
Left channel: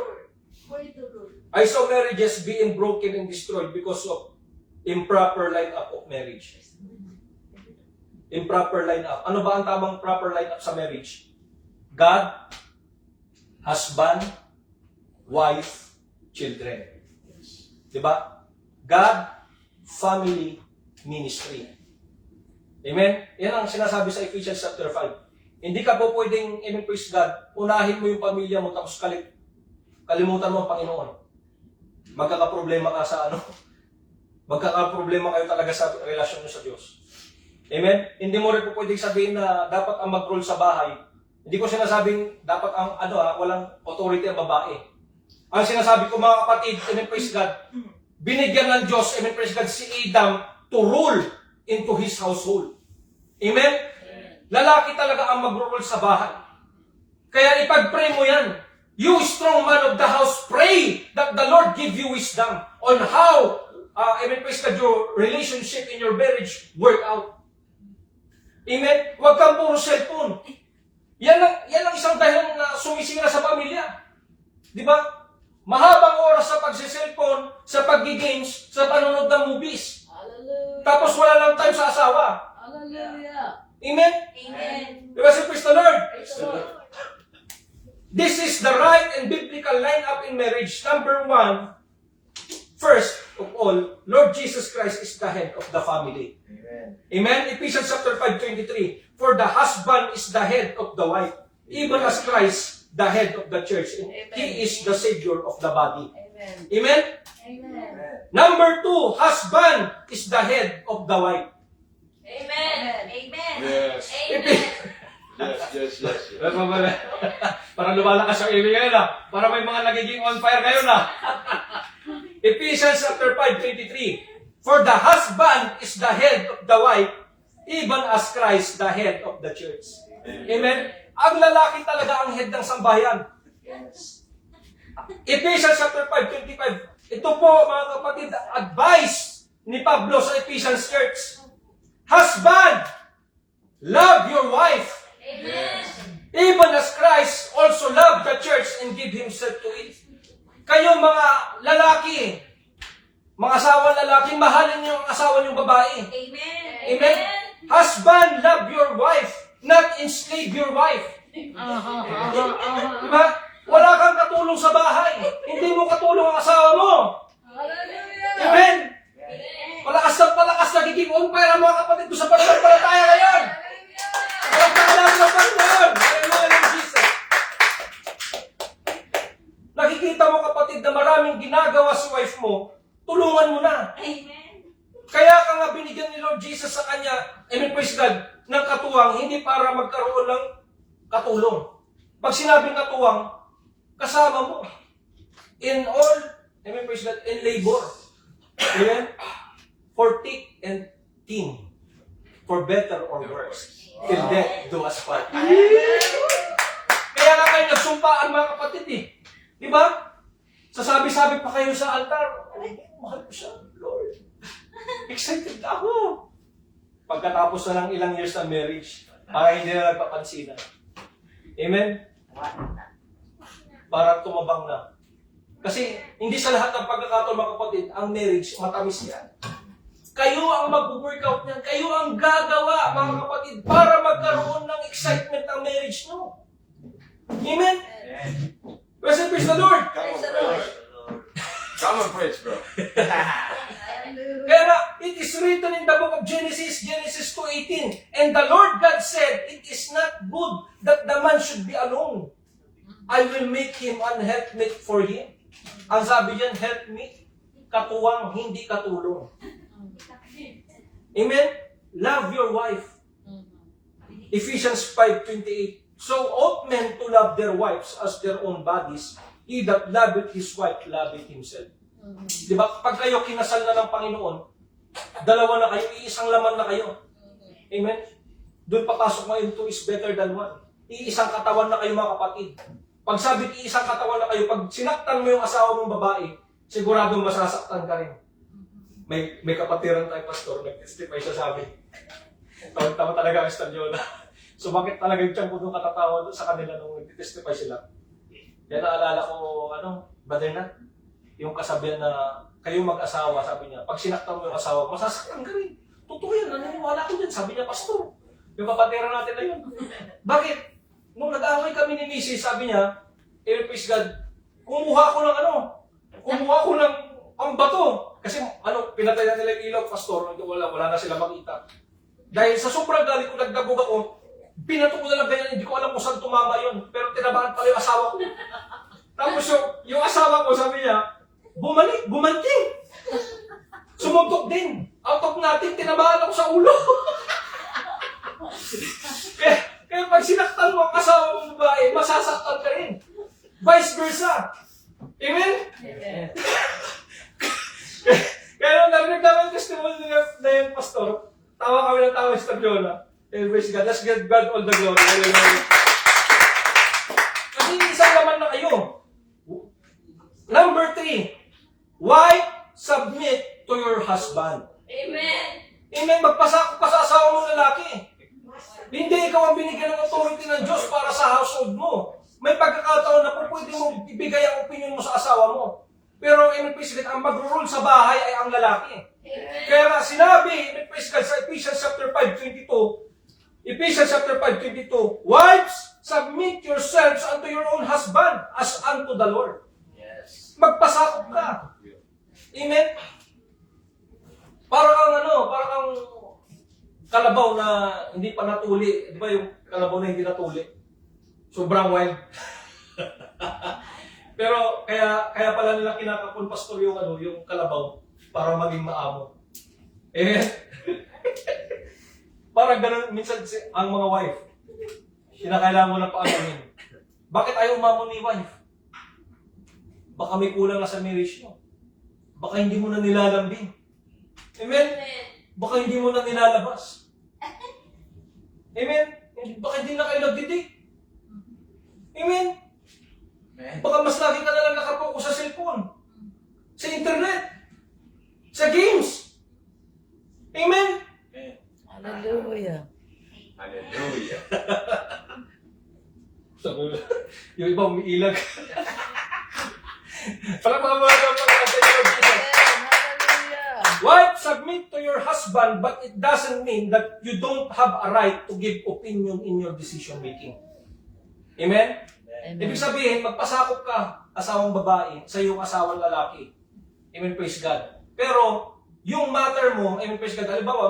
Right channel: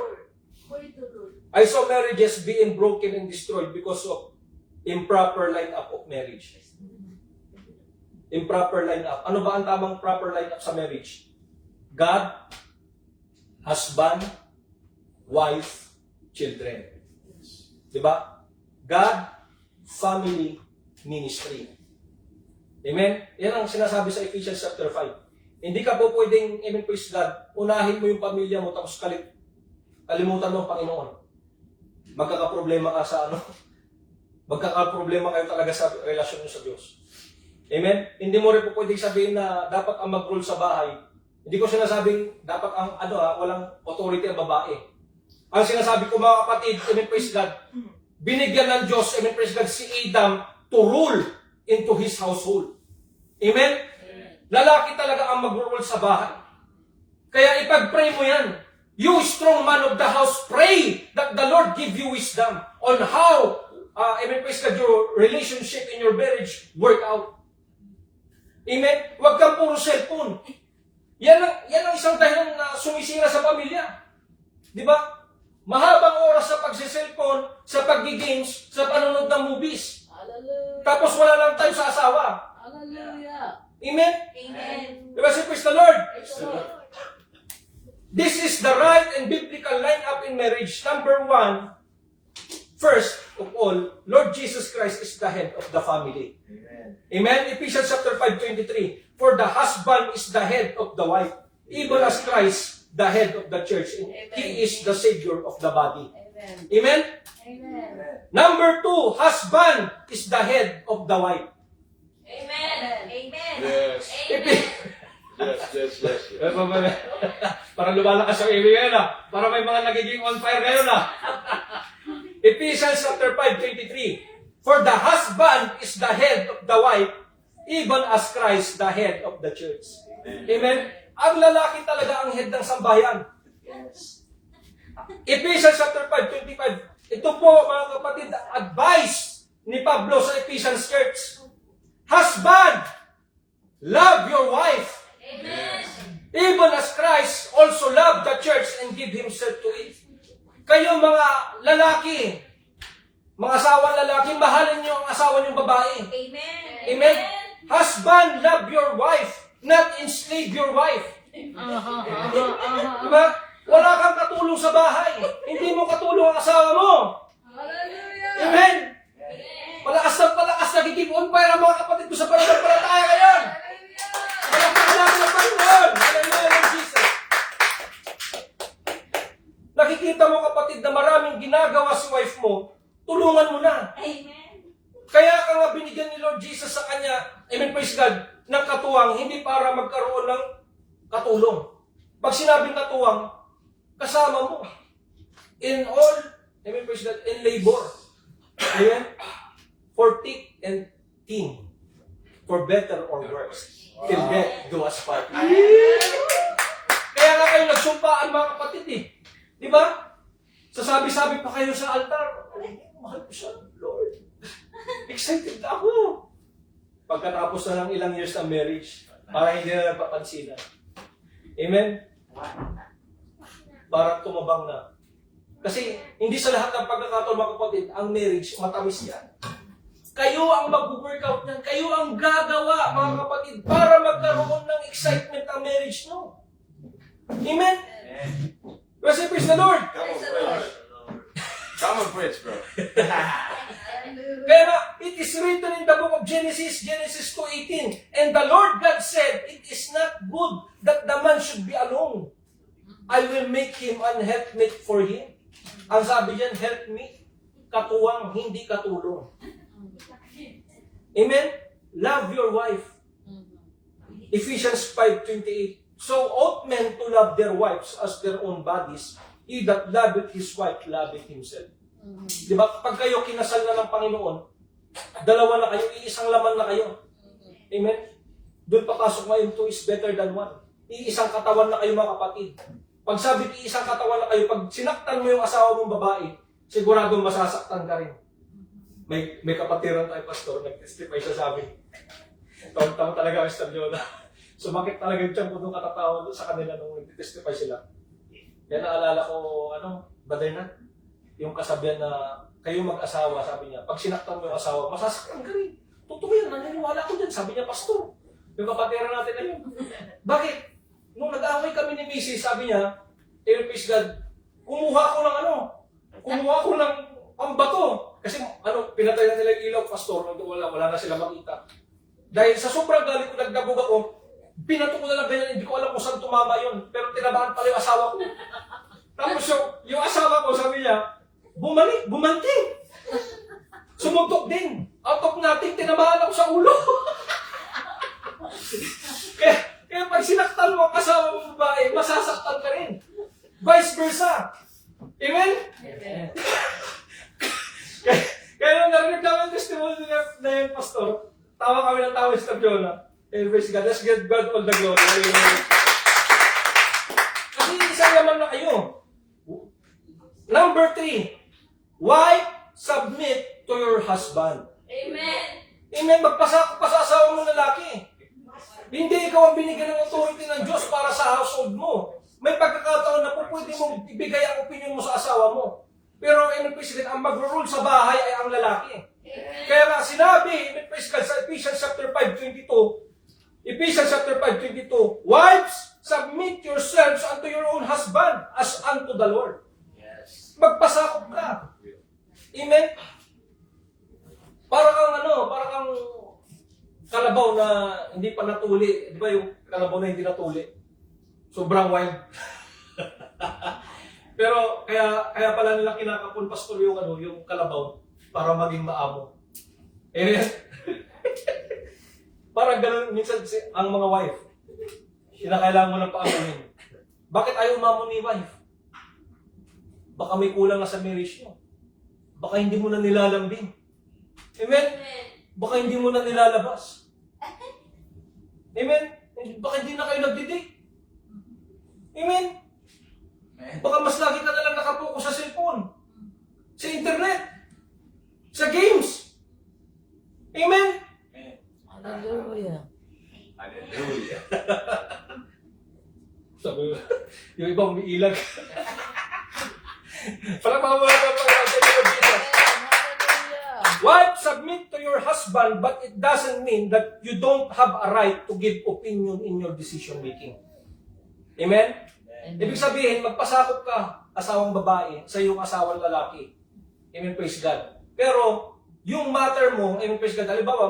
I saw marriages being broken and destroyed because of improper line-up of marriage. Improper line-up. Ano ba ang tamang proper line-up sa marriage? God, husband, wife, children. Diba? God, family, ministry. Amen? Yan ang sinasabi sa Ephesians chapter 5. Hindi ka po pwedeng, amen, praise God, unahin mo yung pamilya mo tapos kalimutan mo ang Panginoon. Magkakaproblema ka sa magkakaproblema kayo talaga sa relasyon mo sa Diyos. Amen? Hindi mo rin po pwedeng sabihin na dapat ang mag-rule sa bahay. Hindi ko sinasabing dapat ang walang authority ang babae. Ang sinasabi ko mga kapatid, amen, praise God, binigyan ng Diyos, amen, praise God, si Adam to rule into his household. Amen? Lalaki talaga ang mag-rule sa bahay. Kaya ipag-pray mo yan. You strong man of the house, pray that the Lord give you wisdom on how, amen, praise God, your relationship in your marriage work out. Amen? Huwag kang puro cellphone. Yan ang isang dahilan na sumisira sa pamilya. Di ba? Mahabang oras sa pagsiselfone, sa pag-games, sa panonood ng movies. Hallelujah. Tapos wala lang time sa asawa. Hallelujah. Amen? Amen. Di ba si praise the Lord? Praise the Lord. This is the right and biblical line-up in marriage. Number 1, first of all, Lord Jesus Christ is the head of the family. Amen. Amen? Ephesians chapter 5:23. For the husband is the head of the wife, even as Christ the head of the church. And He is the Savior of the body. Amen. Amen? Amen. Number 2, husband is the head of the wife. Amen. Amen. Yes. Amen. Yes. Para lumalakas yung ibig ngayon Para may mga nagiging on fire ngayon Ephesians chapter 5:23. For the husband is the head of the wife, even as Christ the head of the church. Amen? Ang lalaki talaga ang head ng sambahayan. Ephesians chapter 5:25. Ito po mga kapatid, advice ni Pablo sa Ephesians church. Husband, love your wife. Amen. Even as Christ also loved the church and gave Himself to it. Kayo mga lalaki, mga asawang lalaki, mahalin niyo ang asawa niyong babae. Amen. Amen? Husband, love your wife, not enslave your wife. Diba? Wala kang katulong sa bahay. Hindi mo katulong ang asawa mo. Hallelujah. Amen? Palakas nagiging on fire ang mga kapatid ko sa pananampalataya ngayon. Palagpakan natin ang Panginoon. Hallelujah. nakikita mo kapatid na maraming ginagawa sa wife mo, tulungan mo na. Amen. Kaya ka nga binigyan ni Lord Jesus sa kanya, amen, praise God, ng katuwang, hindi para magkaroon ng katulong. Pag sinabing katuwang, kasama mo. In all, amen, praise God, in labor. Amen? For thick and thin. For better or worse. Till death do us part. Kaya nga kayo nagsumpaan mga kapatid eh. Di ba? Sasabi-sabi pa kayo sa altar, ay, mahal ko siya, Lord. Excited na ako. Pagkatapos na ng ilang years ng marriage, para hindi na nagpapansinan. Amen? Para tumabang na. Kasi hindi sa lahat ng pagkakataon mga kapatid, ang marriage, matamis yan. Kayo ang mag-workout niyan. Kayo ang gagawa mga kapatid para magkaroon ng excitement ng marriage nyo. Amen? Praise the Lord! Praise the Lord. Come on, preach, bro. Kaya nga, it is written in the book of Genesis 2:18, and the Lord God said, it is not good that the man should be alone. I will make him an helpmate for him. Ang sabi diyan, helpmate, katuwang, hindi katulong. Amen? Love your wife. Ephesians 5:28. So ought men to love their wives as their own bodies. He that loveth his wife loveth himself. Di ba? Pag kayo kinasal na ng Panginoon, dalawa na kayo, iisang laman na kayo. Amen? Doon papasok ngayon, two is better than one. Iisang katawan na kayo mga kapatid. Pag sabi iisang katawan na kayo, pag sinaktan mo yung asawa mong babae, siguradong masasaktan ka rin. May kapatiran tayo, pastor, nag-testify siya sa amin. Tawag-tama talaga ang Mr. Jonah. Sumakit talaga yung tiyan ko nung katatawa sa kanila nung nag-testify sila. Yan naalala ko, brother na, yung kasabihan na kayo mag-asawa, sabi niya, pag sinaktan mo yung asawa, masasaktan ka rin. Totoo yan, naniniwala ko dyan, sabi niya, pastor. Yung kapatiran natin na yun. Bakit? Nung nag-away kami ni Mrs., sabi niya, praise God, kumuha ko ng pambato. Kasi pinatay na nila yung ilaw, pastor, wala na sila makita. Dahil sa sobrang galit ko, nagdabog ako, pinato ko na lang ganyan, hindi ko alam kung saan tumama yun. Pero tinabahan pala yung asawa ko. Tapos yung asawa ko, sabi niya, bumanting. Sumuntok din. Out of nothing, tinabahan ako sa ulo. kaya pag sinaktan mo ang asawa mong babae, masasaktan ka rin. Vice versa. Amen? Amen. Kaya nung narinig namin yung testimony na yun, pastor, tawa kami ng tawa sa Jonah. And praise God, let's give God all the glory. Hallelujah. Kasi isang laman na kayo. Number 3, wife, submit to your husband. Amen. Amen, magpasakop ka sa asawa mong lalaki. Hindi ikaw ang binigyan ng authority ng Diyos para sa household mo. May pagkakataon na pwede mo ibigay ang opinion mo sa asawa mo. Pero, amen, praise God, ang mag-rule sa bahay ay ang lalaki. Kaya nga sinabi, amen, praise God, sa Ephesians chapter 5:22, wives, submit yourselves unto your own husband as unto the Lord. Yes. Magpasakop ka. Amen? Para kang kalabaw na hindi pa natuli. Di ba yung kalabaw na hindi natuli? Sobrang wine. Pero kaya pala nila kinakapon, pastor, yung kalabaw para maging maamo. Amen? Parang ganun minsan ang mga wife. Kinakailangan mo ng paamunin. Bakit ayaw umamon ni wife? Baka may kulang na sa marriage mo. Baka hindi mo na nilalambing. Amen? Baka hindi mo na nilalabas. Amen? Baka hindi na kayo nagdidik. Amen? Baka mas lagi ka na lang nakapokus sa cellphone, sa internet, sa games. Amen? Hallelujah. Hallelujah. Sabi, yung iba umiilag. Palamahan mo lang ang Hallelujah. wife, submit to your husband, but it doesn't mean that you don't have a right to give opinion in your decision making. Amen? Ibig sabihin, magpasakop ka, asawang babae, sa iyong asawang lalaki. Amen, praise God. Pero, yung matter mo, amen, praise God, halimbawa,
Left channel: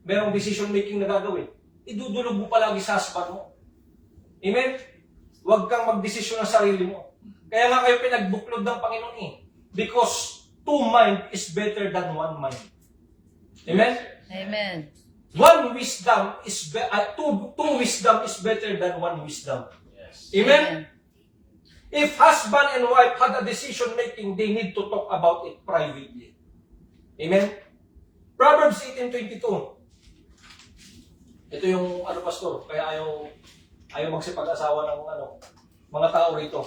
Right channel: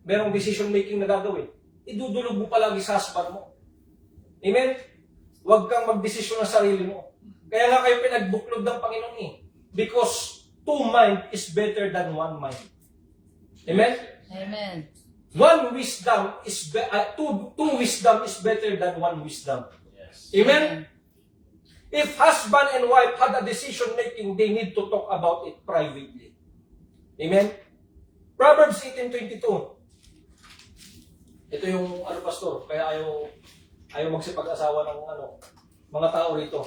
merong decision making na gagawin, idudulog mo palagi sa husband mo. Amen? Huwag kang magdesisyon ng sarili mo. Kaya nga kayo pinagbuklod ng Panginoon eh. Because two mind is better than one mind. Amen? Amen. One wisdom is two wisdom is better than one wisdom. Amen? If husband and wife had a decision making, they need to talk about it privately. Amen? Proverbs 18:22. Ito yung pastor, kaya ayaw magsipag-asawa ng mga tao rito.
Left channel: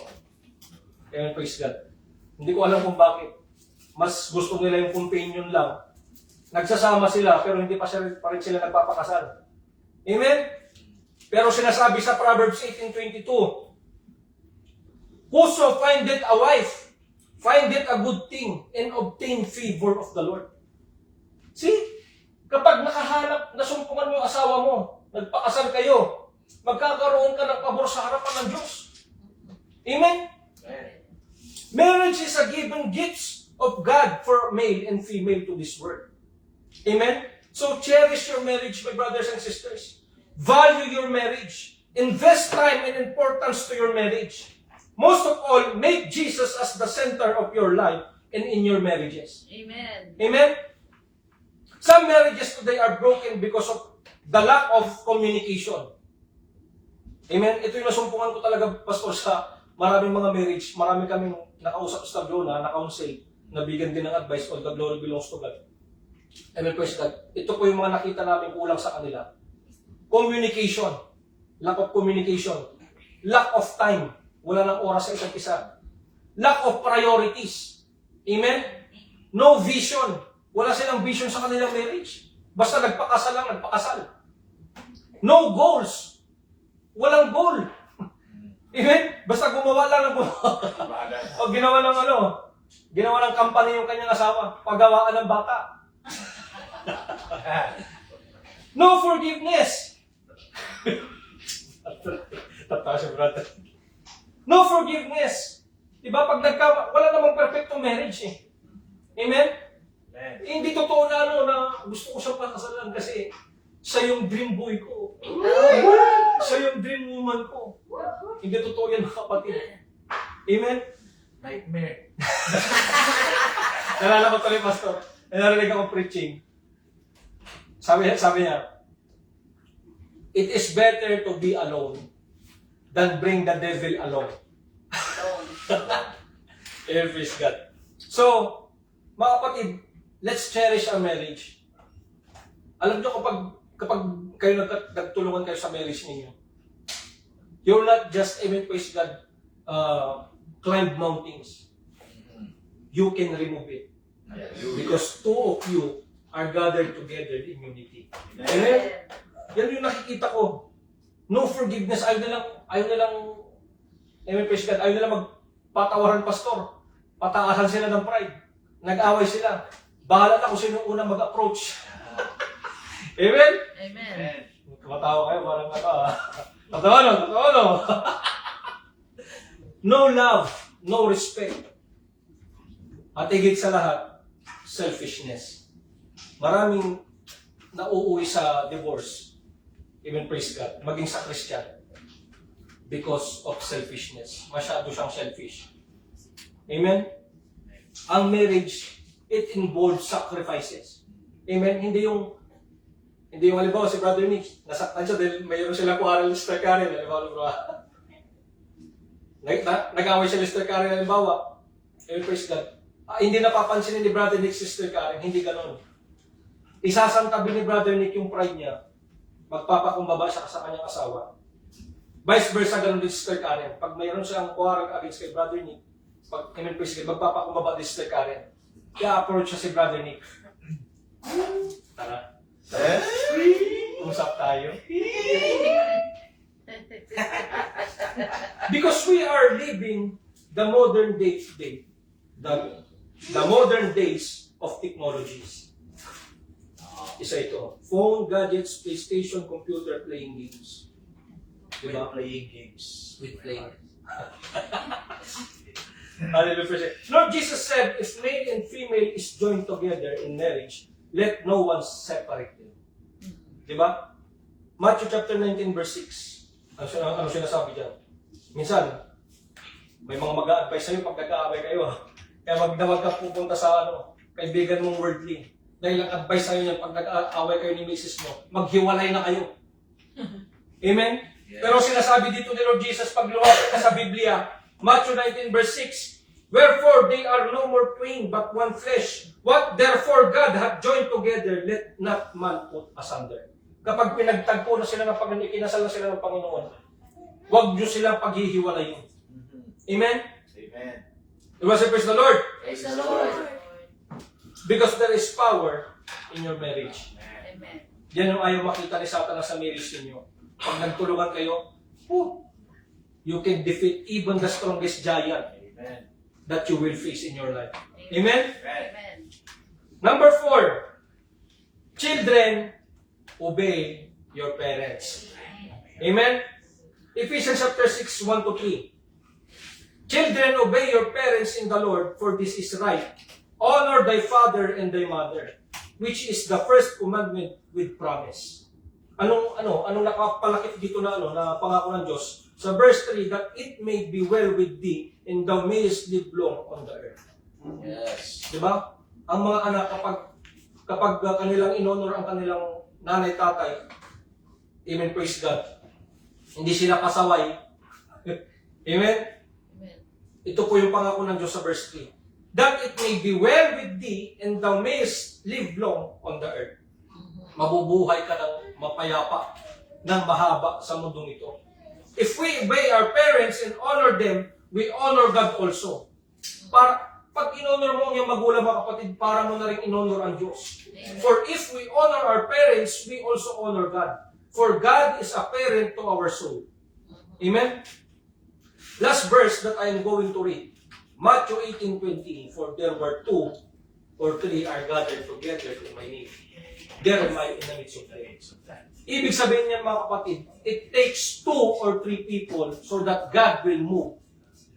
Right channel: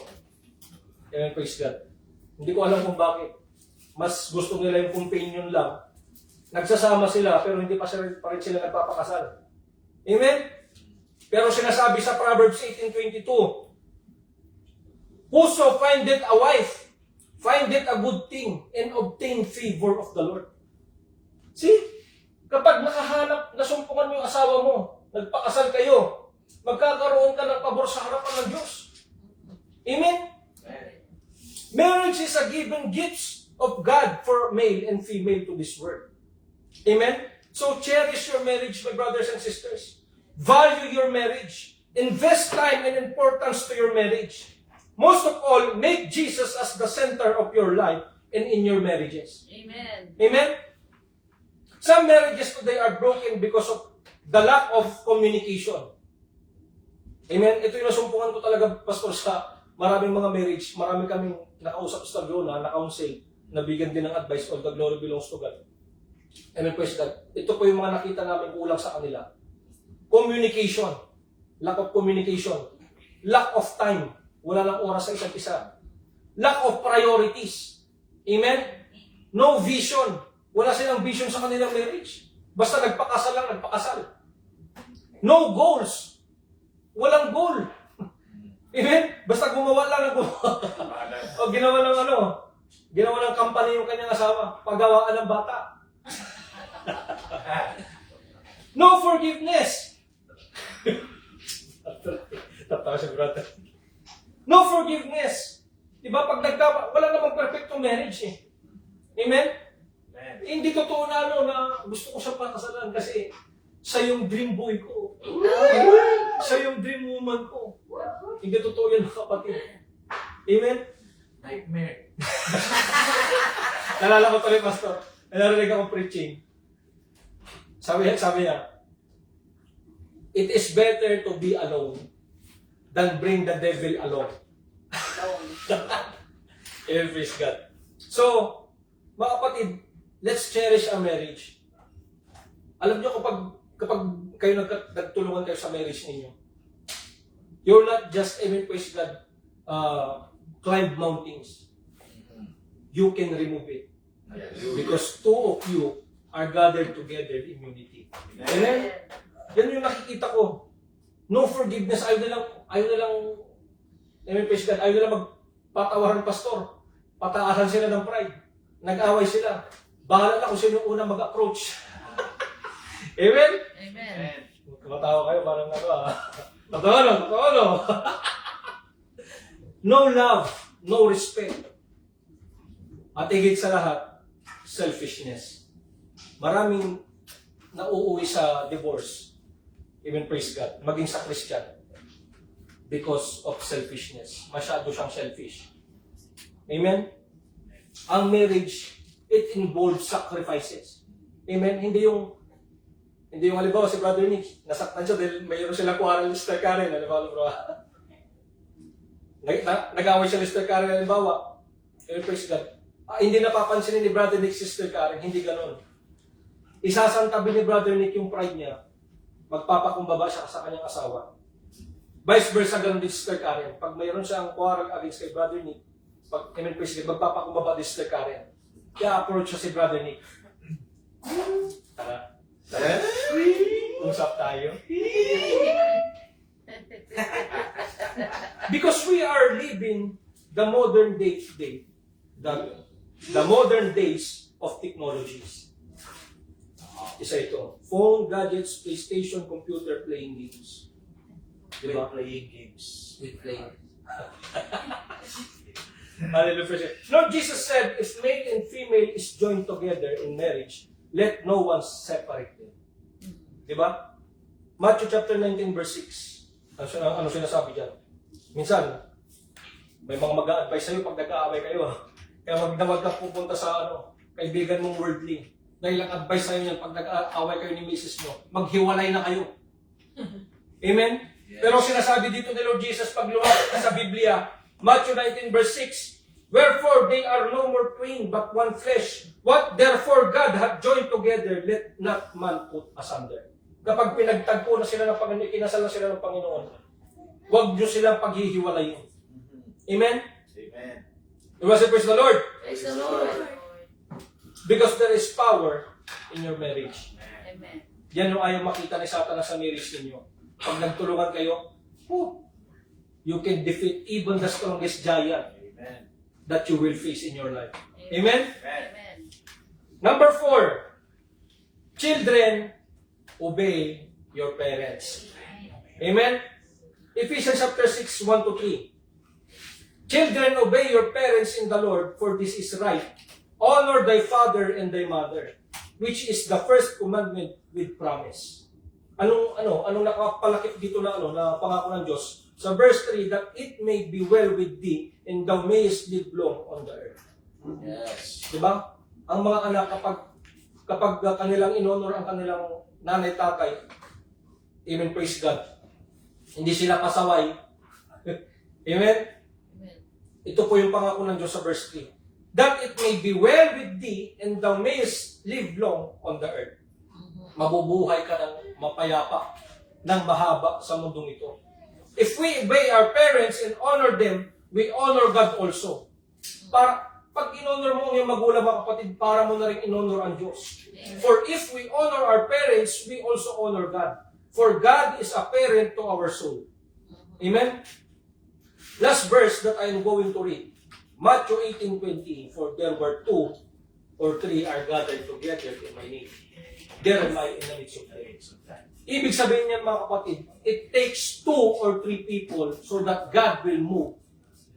Amen, praise God. Hindi ko alam kung bakit. Mas gusto nila yung companion lang. Nagsasama sila pero hindi pa rin sila nagpapakasal. Amen? Pero sinasabi sa Proverbs 18:22, whoso findeth a wife, findeth a good thing, and obtain favor of the Lord. See? Kapag nasumpungan mo yung asawa mo, nagpakasal kayo, magkakaroon ka ng pabor sa harapan ng Diyos. Amen? Marriage is a given gift of God for male and female to this world. Amen? So cherish your marriage, my brothers and sisters. Value your marriage. Invest time and importance to your marriage. Most of all, make Jesus as the center of your life and in your marriages. Amen. Amen? Some marriages today are broken because of the lack of communication. Amen? Ito yung nasumpungan ko talaga, Pastor, sa maraming mga marriage. Marami kaming nakausap sa Tablona, na-counsel, nabigyan din ng advice, all the glory belongs to God. Amen, praise God. Ito po yung mga nakita namin kulang sa kanila. Communication. Lack of communication. Lack of time. Wala nang oras sa isa't isa. Lack of priorities. Amen? No vision. Wala silang vision sa kanilang marriage. Basta nagpakasal lang, nagpakasal. No goals. Walang goal. Amen? Basta gumawa lang ng gumawa. O ginawa ng company yung kanyang asawa. Paggawaan ng bata. No forgiveness. Tatawa siya, brother. No forgiveness. Diba? Pag wala namang perfecto marriage eh. Amen? Hindi totoo na gusto ko siyang pakasalan kasi siya yung dream boy ko. Siya yung dream woman ko. Hindi totoo yan, mga kapatid. Amen? Nightmare. Nalala ko tuloy, Pastor. Narinig ako preaching. Sabi niya, it is better to be alone than bring the devil along. Amen, praise God. So, mga kapatid, let's cherish our marriage. Alam nyo, kapag kayo nagtulungan kayo sa marriage ninyo, you're not just, amen, praise God, climb mountains. You can remove it. Because two of you are gathered together in unity. Amen? Yan yung nakikita ko. No forgiveness. Ayaw nilang, amen, praise God, ayaw nilang magpatawaran, pastor. Pataasan sila ng pride. Nag-away sila. Bahala na kung sino yung unang mag-approach. Amen? Amen. Tumatawa kayo, parang Totoo. No love, no respect. At higit sa lahat, selfishness. Maraming nauuwi sa divorce, even praise God, maging sa Christian, because of selfishness. Masyado siyang selfish. Amen? Ang marriage, it involves sacrifices. Amen? Hindi yung halimbawa si Brother Nick, nasaktan siya dahil mayroon silang kuha ng Lister Karen, halimbawa, nag-away siya Lister Karen, halimbawa, praise God. Hindi napapansin ni Brother Nick si Sister Karen, hindi ganon. Isasantabi ni Brother Nick yung pride niya, magpapakumbaba siya sa kanyang asawa. Vice versa, ganon din si Sister Karen. Pag mayroon siyang quarrel against kay Brother Nick, amen, praise God, magpapakumbaba din si Sister Karen. Kaya approach siya si Brother Nick. Tara. Usap tayo. Because we are living the modern day today. The modern days of technologies. Isa ito. Phone, gadgets, PlayStation, computer, playing games. Diba? Playing games. With playing. Hallelujah. Lord Jesus said, if male and female is joined together in marriage, let no one separate them. Diba? Matthew chapter 19 verse 6. Ano sinasabi dyan? Minsan, May mga mag-a-advise sa'yo pag nag-aaway kayo. Kaya wag na wag ka pupunta sa kaibigan mong worldly. Dahil ang advice sa'yo yan, pag nag-aaway kayo ni misis mo, maghiwalay na kayo. Amen? Pero sinasabi dito ni Lord Jesus, pag lumapit ka sa Biblia, Matthew 19 verse 6, wherefore they are no more twain, but one flesh. What therefore God hath joined together, let not man put asunder. Kapag pinagtagpo na sila ng Panginoon, ikinasal na sila ng Panginoon, huwag nyo silang paghihiwalayin. Amen? Amen. Diba say, praise the Lord? Praise the Lord. Because there is power in your marriage. Amen. Yan yung ayaw makita ni Satanas sa marriage ninyo. Pag nagtulungan kayo, you can defeat even the strongest giant Amen. that you will face in your life. Amen? Amen. Number 4, children, obey your parents. Amen? Ephesians chapter 6, 1-3. Children, obey your parents in the Lord, for this is right. Honor thy father and thy mother, which is the first commandment with promise. Anong nakapalakip dito na pangako ng Diyos? Sa verse 3, that it may be well with thee, and thou mayest live long on the earth. Yes. Diba? Ang mga anak, kapag kanilang inonor ang kanilang nanay, tatay, amen, praise God, hindi sila pasaway. Amen? Amen. Ito po yung pangako ng Diyos sa verse 3. That it may be well with thee, and thou mayest live long on the earth. Mabubuhay ka ng mapayapa, ng mahaba sa mundong ito. If we obey our parents and honor them, we honor God also. Pag in-honor mo ang iyong magulang, mga kapatid, para mo na rin in-honor ang Diyos. For if we honor our parents, we also honor God. For God is a parent to our soul. Amen? Last verse that I am going to read. Matthew 18:20. For there were 2 or 3 are gathered together in my name. There am I in the midst of them. Ibig sabihin niyan, mga kapatid, it takes 2 or 3 people so that God will move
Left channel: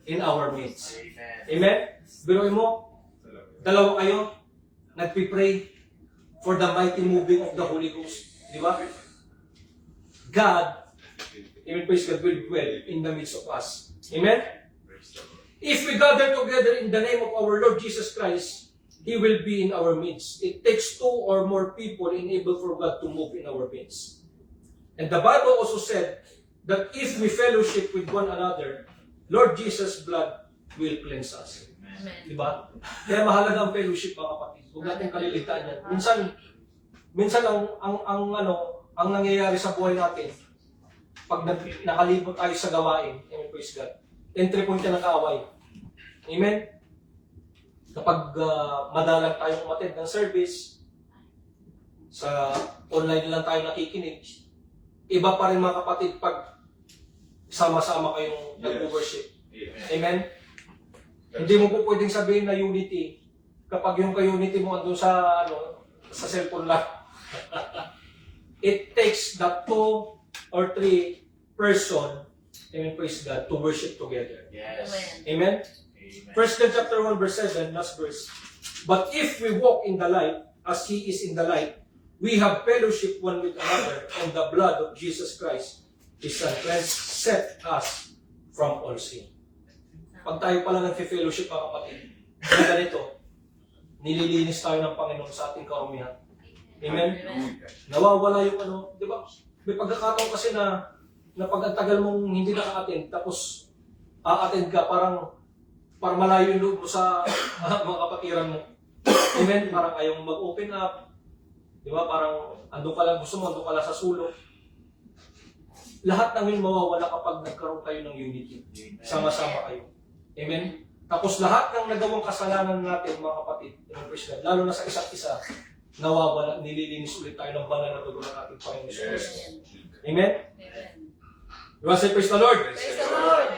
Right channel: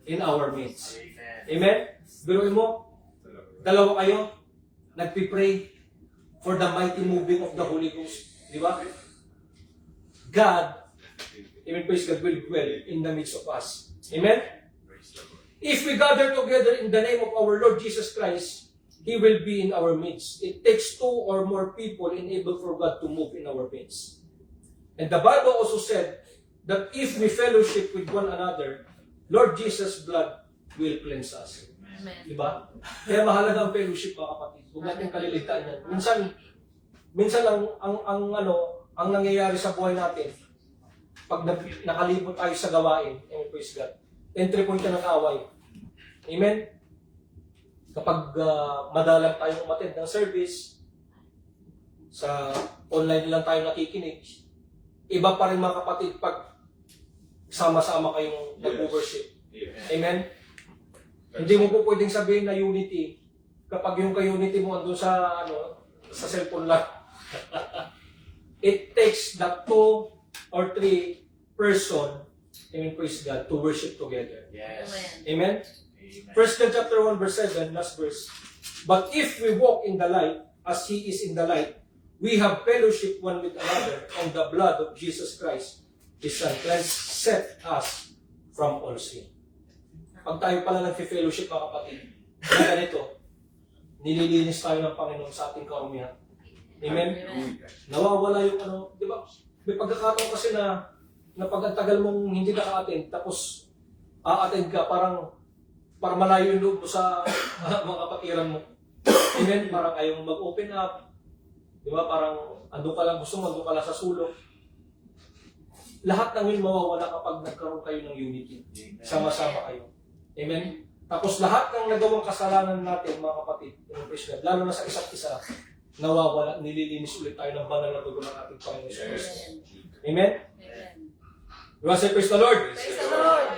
in our midst. Amen? Biruin mo, dalawa kayo, nagpipray for the mighty moving of the Holy Ghost. Di ba? God, amen, praise God, will dwell in the midst of us. Amen? If we gather together in the name of our Lord Jesus Christ, He will be in our midst. It takes 2 or more people enable for God to move in our midst. And the Bible also said that if we fellowship with one another, Lord Jesus' blood will cleanse us. Amen. Diba? Kaya mahalaga ang fellowship, mga kapatid. Huwag natin kaliligtaan yan. Minsan ang nangyayari sa buhay natin, pag nakalibot tayo sa gawain, amen, praise God, entry point ka ng kaaway. Amen? Kapag madalang tayong umattend ng service, sa online lang tayo nakikinig, iba pa rin, mga kapatid, pag sama-sama kayong nag-worship. Amen? Hindi mo po pwedeng sabihin na unity kapag yung ka-unity mo andun sa cellphone lang. It takes the 2 or 3 person, amen, praise God, to worship together. Yes. Amen. Amen? 1 John chapter 1 verse 7, last verse. But if we walk in the light, as He is in the light, we have fellowship one with another, and the blood of Jesus Christ, His Son, cleanseth us from all sin. Pag tayo pala nag-fellowship, mga kapatid, na ganito, nililinis tayo ng Panginoon sa ating karumihan. Amen? Nawawala yung di ba? May pagkakataon kasi na pag ang tagal mong hindi naka-attend, tapos a-attend ka, parang malayo yung loob mo sa mga kapatiran mo. Amen? Parang ayaw mag-open up. Di ba? Parang andun ka lang, gusto mo, andun ka lang sa sulok. Lahat ng yun mawawala kapag nagkaroon kayo ng unity. Sama-sama kayo. Amen? Tapos lahat ng nagawang kasalanan natin, mga kapatid, lalo na sa isa't isa, nawawala, nililinis ulit tayo ng banal na dugo ng ating Panginoon Jesus Christ. Amen? Amen. You want to say praise the Lord? Praise the Lord.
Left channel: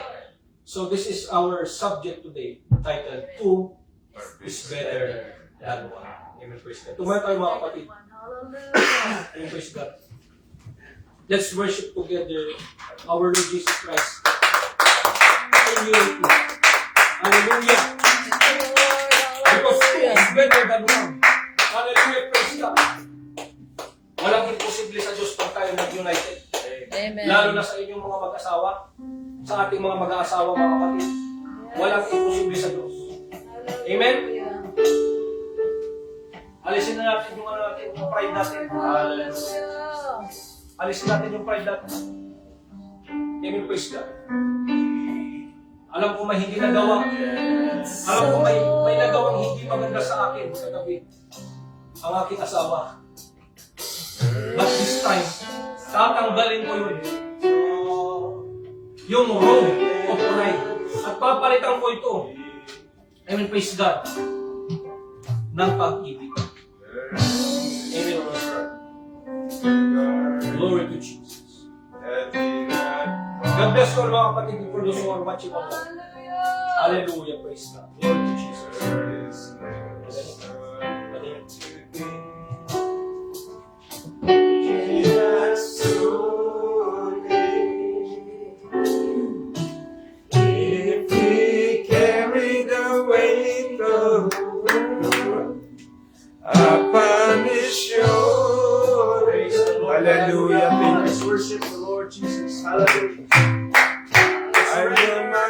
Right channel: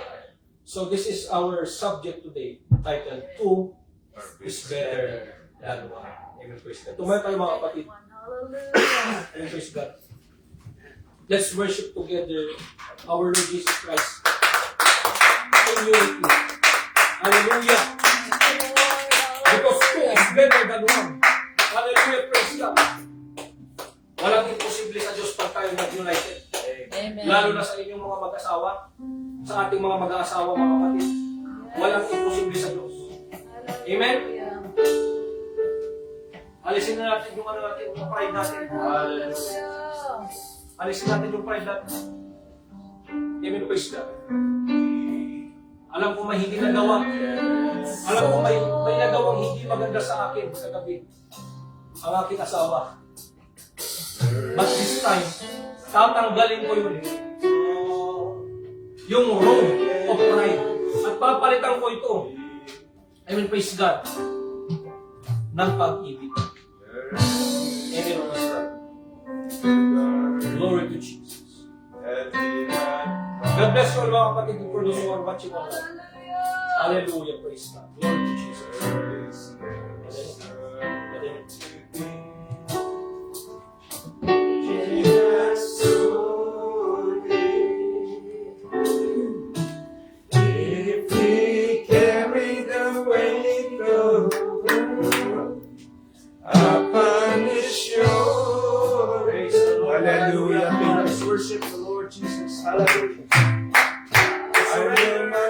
So this is our subject today, titled 2 is better than 1. Amen, praise God. Tumayo tayo, mga kapatid. Hallelujah. Amen, praise God. Let's worship together our Lord Jesus Christ in unity. Hallelujah. Because 2 is better than 1. Hallelujah, praise God. Walang imposible sa Diyos pag tayo nag-united. Amen. Lalo na sa inyong mga mag-asawa, sa ating mga mag-aasawa, mga kapatid. Walang imposible sa Diyos. Amen? Alisin na natin yung ano natin, yung pride natin. Alisin natin yung pride natin. Amen, praise God. Alam ko may hindi nagawa. Alam ko may nagawang hindi maganda sa akin sa gabi. Ang aking asawa. But this time, tatanggalin ko yun. Yung robe of pride. At papalitan ko ito. Amen, praise God. Ng pag-ibig. Amen, praise God. Glory to Jesus. God bless you all mga kapatid who produce or watching online. Hallelujah, praise God. Glory to Jesus. If we carry the weight of the world upon his shoulders. Praise the Lord. Hallelujah. Let's worship the Lord Jesus. Hallelujah. I am my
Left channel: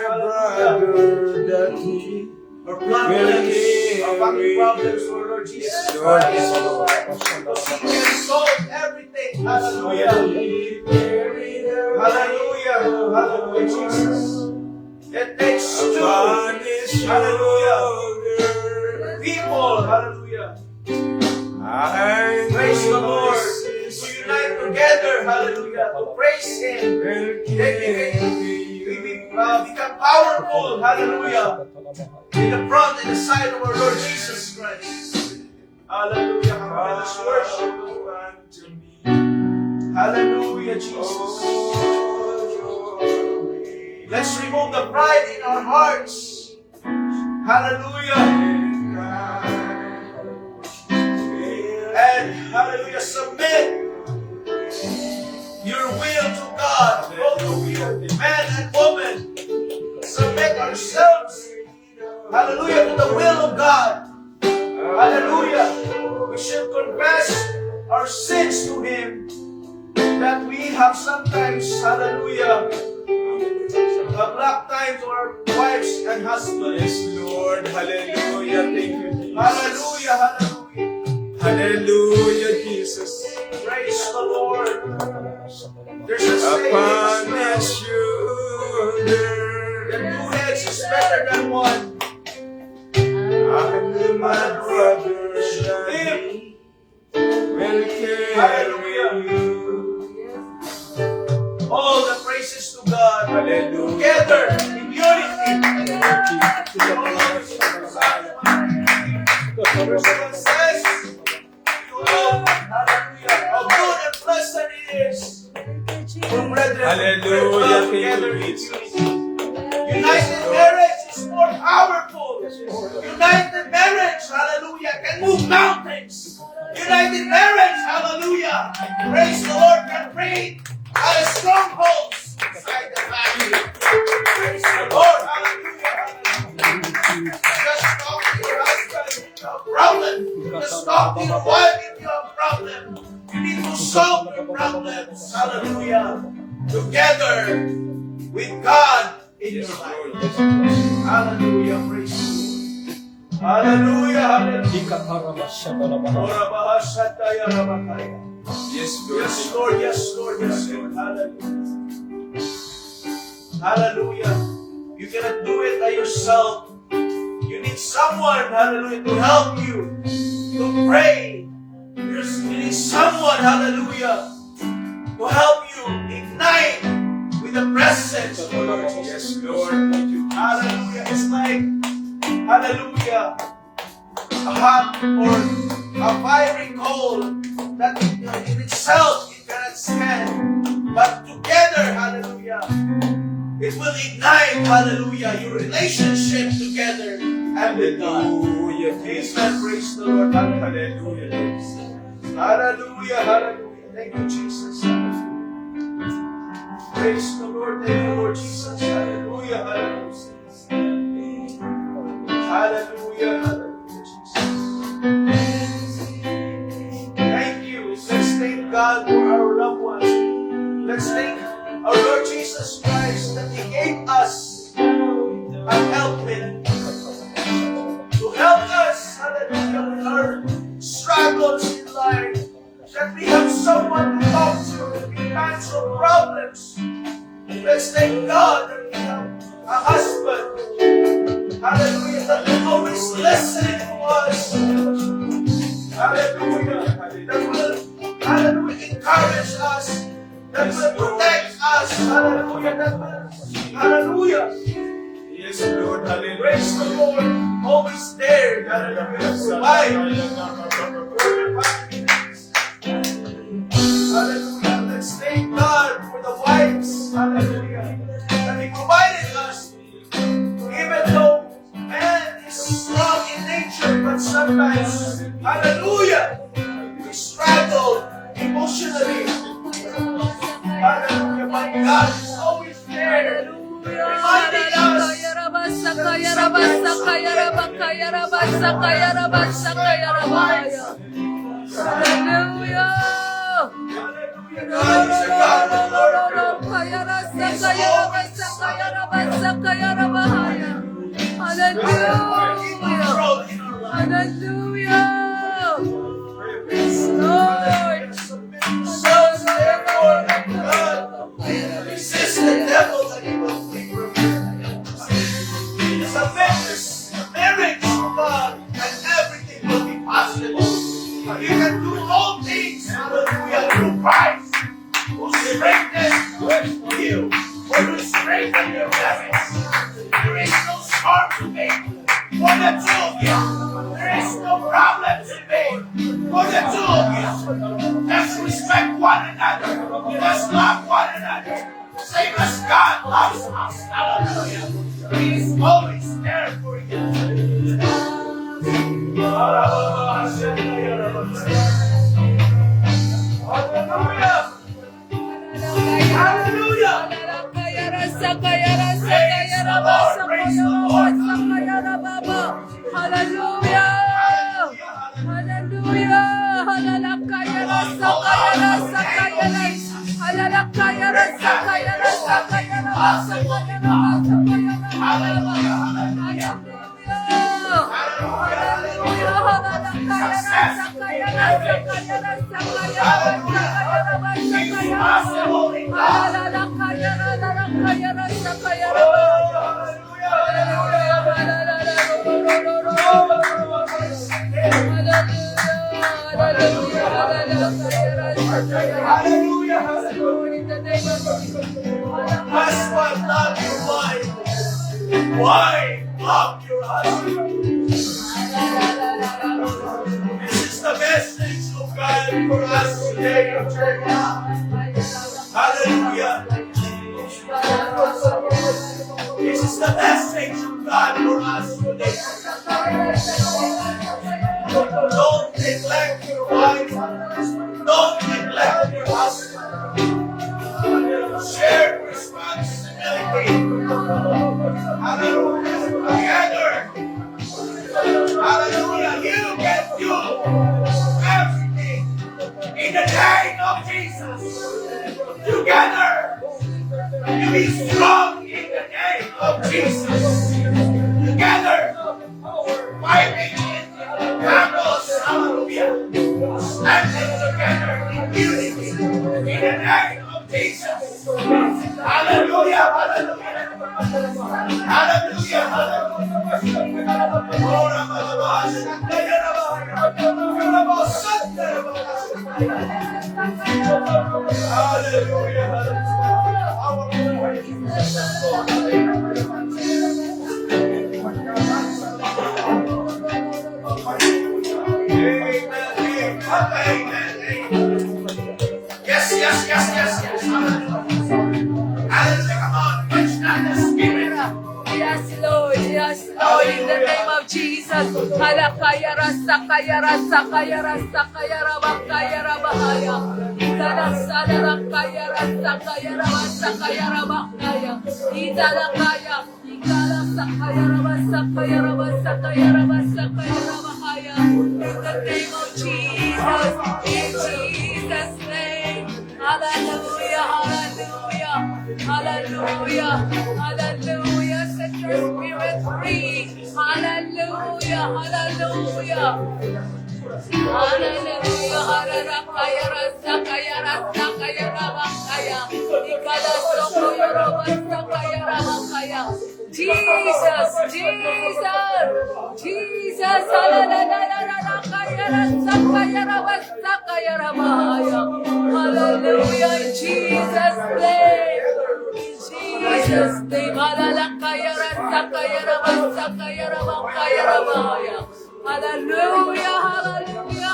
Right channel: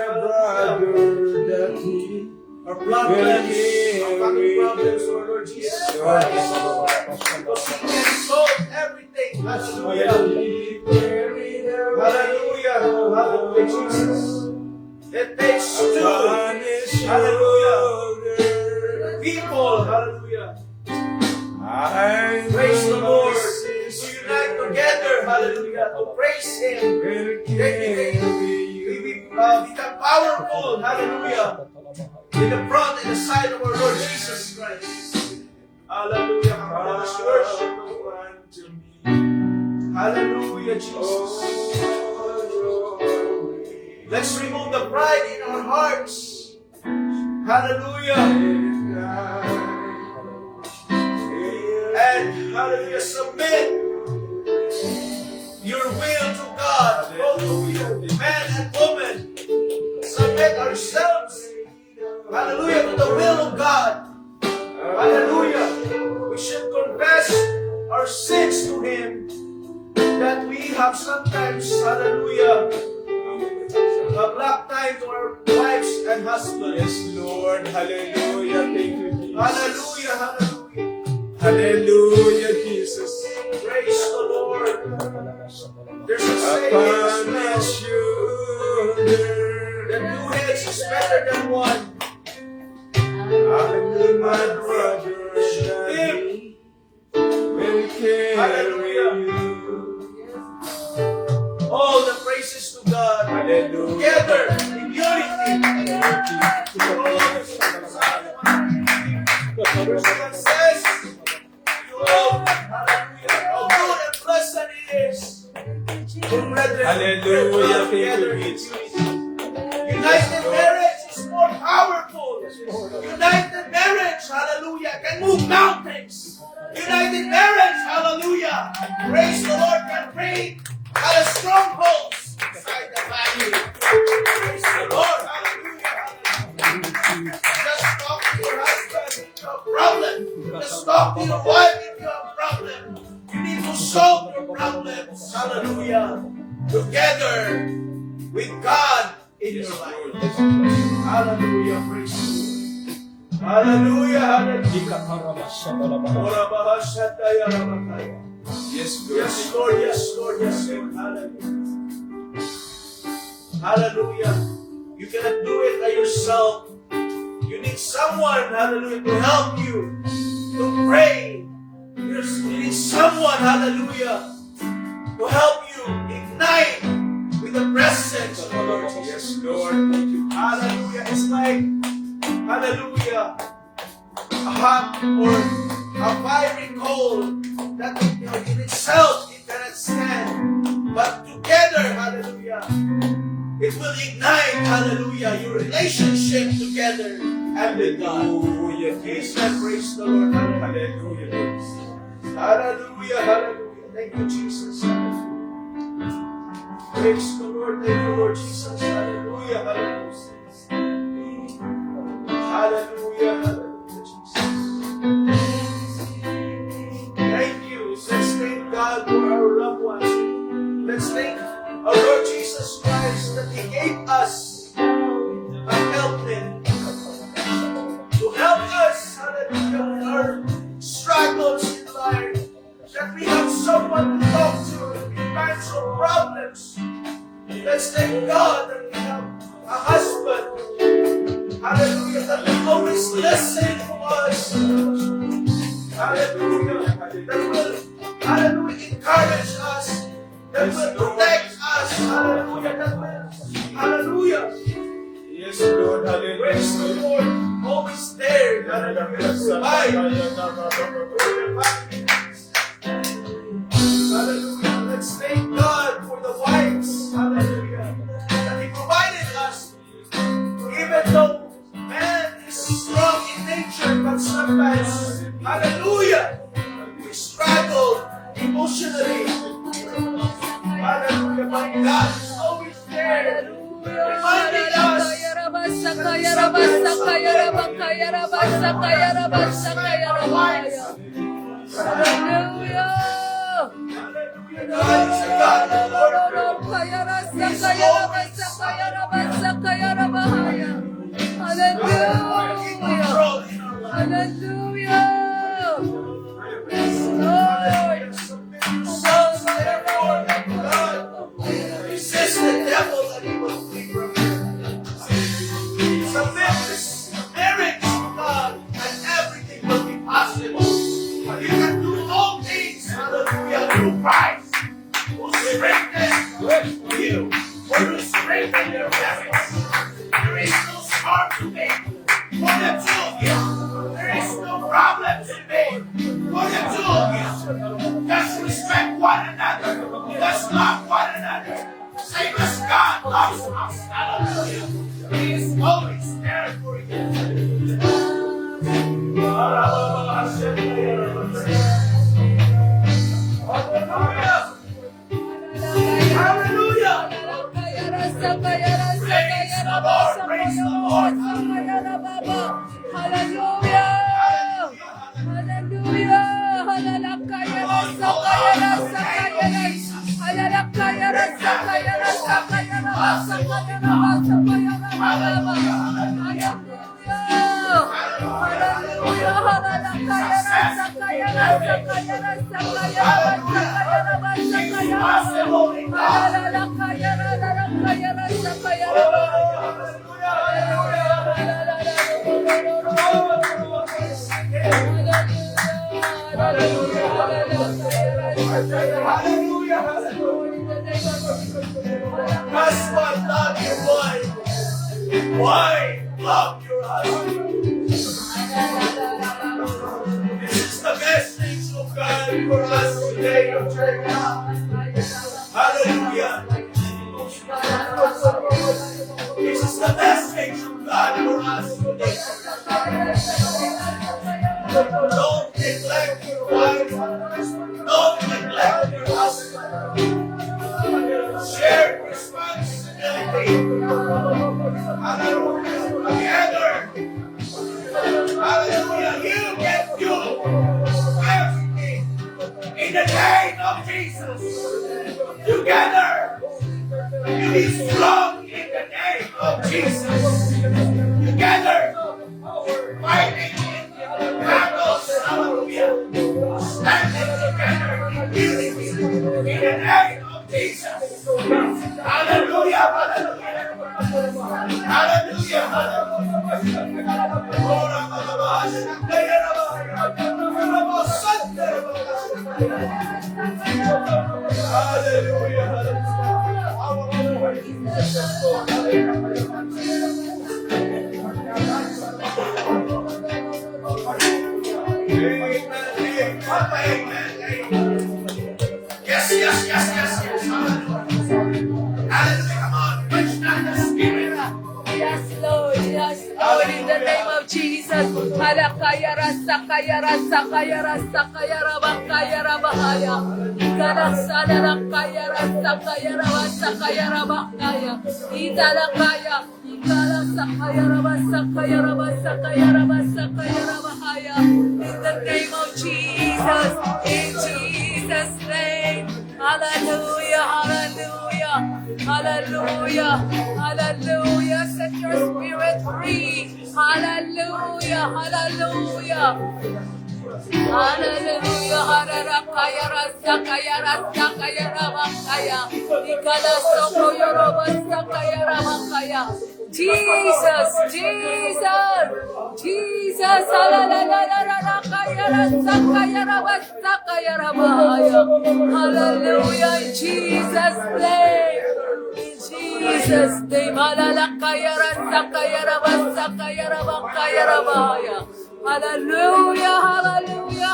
brother that he Our problems, our family problems, Lord Jesus Lord. Christ. Because He can solve everything. Hallelujah. Hallelujah. Hallelujah. Hallelujah, Jesus. It takes two. Upon his Hallelujah. shoulder. People. Hallelujah. I Praise the Lord. will To unite together. Hallelujah. To praise Him. We become powerful. Hallelujah. In the front and the side of our Lord Jesus Christ. Hallelujah. Let us worship the Lord. Hallelujah, Jesus. Let's remove the pride in our hearts. Hallelujah. And hallelujah, submit your will to God. Both of you, man and woman, submit ourselves. Hallelujah, to the will of God. Hallelujah. We should confess our sins to Him that we have sometimes, hallelujah, block time to our wives and husbands. Yes, Lord. Hallelujah. Thank you, Jesus. Hallelujah, hallelujah. Hallelujah, Jesus. Praise the Lord. There's a saying Upon as well, his shoulder. that two heads is better than one. I my brother that he will carry you. All the praises to God. Hallelujah. Together in unity. Verse 1 says, "Behold, hallelujah, how good and pleasant it is for brethren to Hallelujah. dwell together in unity." United marriage is more powerful. United marriage, hallelujah, can move mountains. United marriage, hallelujah, praise the Lord, can break out of strongholds inside the family. Praise the Lord, hallelujah. Just talk to your husband if you have a problem. Just talk to your wife if you have a problem. You need to solve your problems, hallelujah, together with God in your life. Hallelujah, praise the Lord. Hallelujah, hallelujah. Ora bahasataya ramakaya. Yes, Lord. Yes, Lord, yes, Lord, yes, Lord. Hallelujah. Hallelujah. You cannot do it by yourself. You need someone, hallelujah, to help you, to pray. You need someone, hallelujah, to help you ignite with the presence of the Lord Jesus. Yes, Lord. Hallelujah. It's like, hallelujah, a hot or a fiery coal that in itself it cannot stand. But together, hallelujah, it will ignite, hallelujah, your relationship together and with God. Hallelujah. Amen. Praise the Lord. Hallelujah. Hallelujah. Hallelujah. Hallelujah. Thank you, Jesus. Hallelujah. Praise the Lord. Thank you, Lord Jesus. Hallelujah. Hallelujah. Hallelujah. Hallelujah, Jesus. Thank you. Let's thank God for our loved ones. Let's thank our Lord Jesus Christ that He gave us a help Hallelujah. That will always listen to us. Hallelujah. That will, hallelujah, encourage us. That will protect us. Hallelujah. That will, hallelujah. Yes, Lord. Praise the Hallelujah. Lord. Always there. Hallelujah. Provide. Hallelujah. Let's thank God for the wives. Hallelujah. That He provided us. Even though man is strong in nature, but sometimes, hallelujah, we struggle emotionally. Hallelujah. But God is always there. Reminding us. Hallelujah. Hallelujah. God is a God of order. Hallelujah. Yes, Lord. Sons, therefore, of God, resist the devil that he will flee from you. Submit your marriage to God, and everything will be possible. You can do all things, hallelujah, through Christ, who strengthens you, who will strengthen your marriage. There is no storm to make for the two of you. There is no problem to make for the two of you. Let's respect one another. Let's love one another. Same as God loves us. Hallelujah. He is always there for you. Hallelujah. Hallelujah. Hallelujah. Husband, love your wife. Wife, love your husband. This is the message of God for us today, your church. Hallelujah. This is the message of God for us today. Don't neglect your wife. Don't neglect your husband. Share responsibility. Hallelujah. Together. Hallelujah. You can do everything in the name of Jesus. Together. You be strong in the name of Jesus. Together. Fighting in battles. Hallelujah. Standing together in unity. In the name of Jesus. Hallelujah. Hallelujah. Hallelujah. Yes, yes, yes, yes, yes. Hallelujah. Come on, touch down the spirit. Yes, Lord. Yes, Lord. In the name of Jesus. Halakaya rasakaya rasakaya rasakaya rabakaya rabahaya. Italakaya rakaya rasakaya rabasakaya rabakaya. Italakaya. Ikalasakaya rabasakaya rabasakaya rabasakaya rabahaya. In the name of Jesus. In Jesus' name. Hallelujah. Hallelujah. Hallelujah. Hallelujah. Set your spirit free. Hallelujah. Hallelujah. Hallelujah. Hallelujah. Rasakaya rasakaya ramakaya. Ikalasokoya ramasakaya ramakaya. Jesus. Jesus. Jesus, hallelujah, in Jesus' name. In Jesus' name, hallelujah, hallelujah,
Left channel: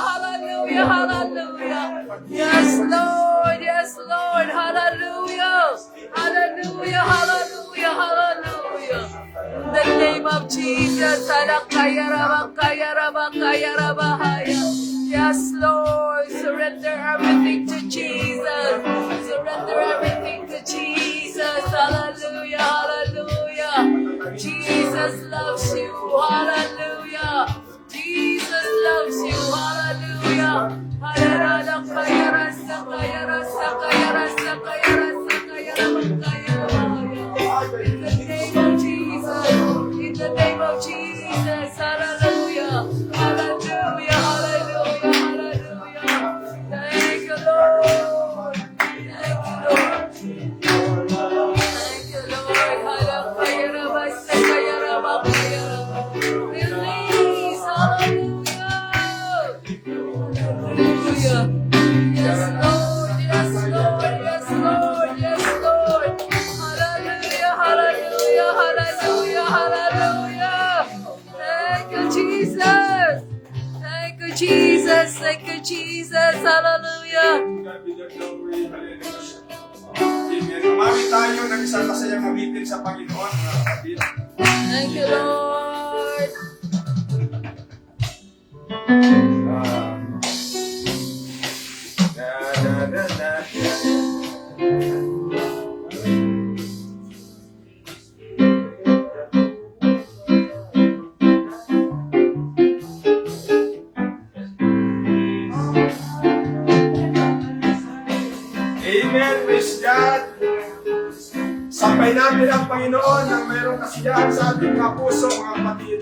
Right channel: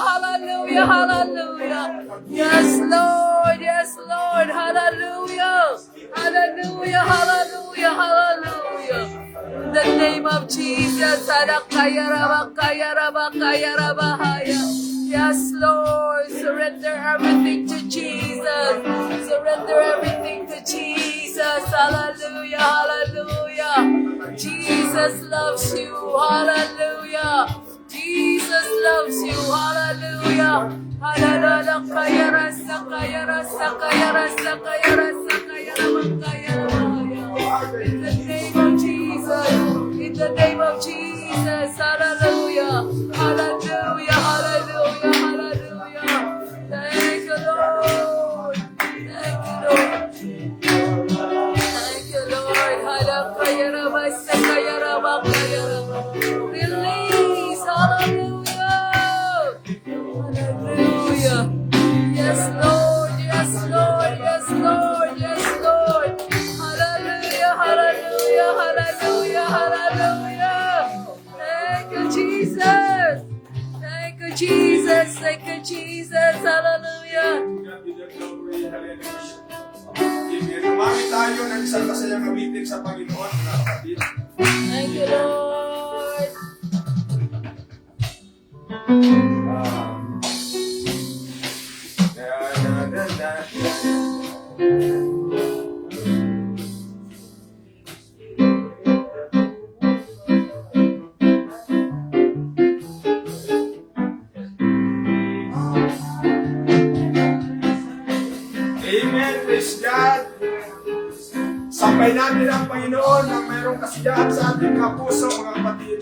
hallelujah, hallelujah. Yes, Lord, hallelujah, hallelujah, hallelujah, hallelujah. In the name of Jesus, yes, Lord, surrender everything to Jesus. Surrender everything to Jesus. Hallelujah, hallelujah. Jesus loves you. Hallelujah. Jesus loves you. Hallelujah. In the name of Jesus. In the name of Jesus. Hallelujah. Hallelujah. Hallelujah. Hallelujah. Thank you, Lord. Thank you, Lord. Thank you, Lord. Release. Hallelujah. Hallelujah. Yes, Lord. Yes, Lord. Yes, Lord. Yes, Lord. Hallelujah. Hallelujah. Hallelujah. Hallelujah. Thank you, Jesus. Thank you, Jesus. Thank you, Jesus. Hallelujah. Amen. Umami tayo ng isang masayang awitin sa Panginoon, mga kapatid. Thank you, Lord. Na, na, na, na. Amen. Praise God. Sampay natin ang Panginoon na mayroong kasiyahan sa ating mga puso, mga kapatid.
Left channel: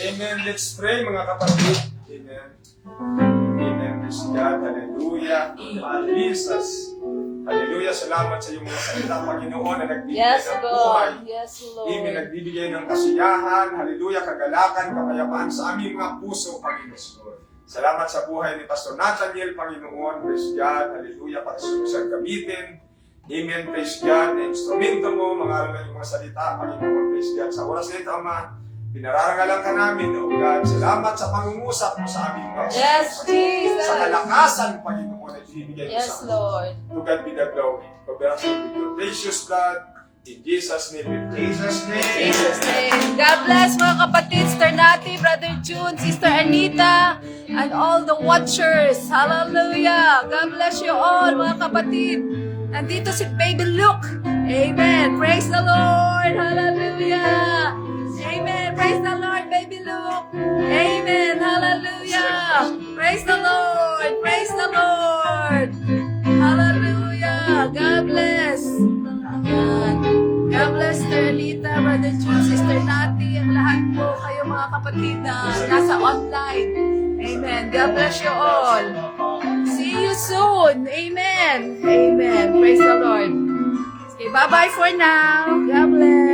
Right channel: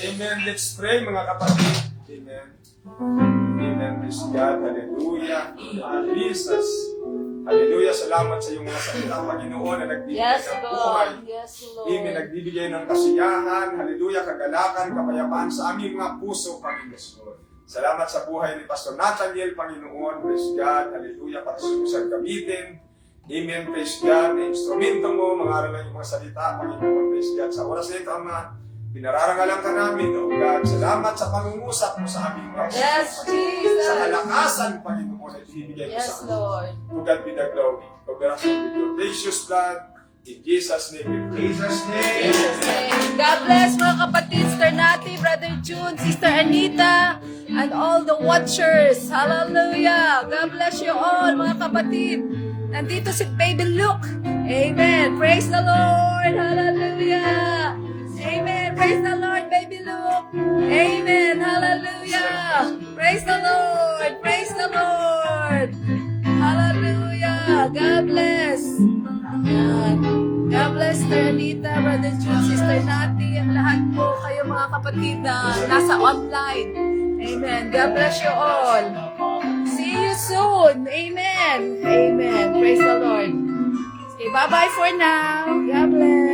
Amen. Let's pray, mga kapatid. Amen. Amen. Praise God. Hallelujah. Jesus. Hallelujah. Salamat sa iyong mga salita, Panginoon, na nagbibigay Yes, ng buhay. Lord. Yes, Amen. Lord. Nagbibigay ng kasiyahan. Hallelujah. Kagalakan, kapayapaan sa aming mga puso, Panginoon. Salamat sa buhay ni Pastor Nathaniel, Panginoon. Praise God. Hallelujah. Patuloy gamitin. Amen. Praise God. Na instrumento mo, mga aralan yung mga salita, Panginoon. Praise God. Sa oras na ito, Ama, pinararangalan ka namin, O God. Salamat sa pangungusap mo sa aming mga Yes, Jesus. sa kalakasan, Panginoon, na ibibigay mo Yes, sa amin. Lord. To God be the glory. Cooperation with your precious blood. In Jesus' name we pray. Jesus' name. God bless mga kapatid, Sister Nati, Brother June, Sister Anita, and all the watchers. Hallelujah. God bless you all mga kapatid. Nandito si Baby Luke. Amen. Praise the Lord. Hallelujah. Amen. Praise the Lord, Baby Luke. Amen. Hallelujah. Praise the Lord. Praise the Lord. God bless. Yan. God bless, Sister Anita, Brother June, Sister Nati, ang lahat po kayo mga kapatid na nasa online. Amen. God bless you all. See you soon. Amen. Amen. Praise the Lord. Okay, bye-bye for now. God bless.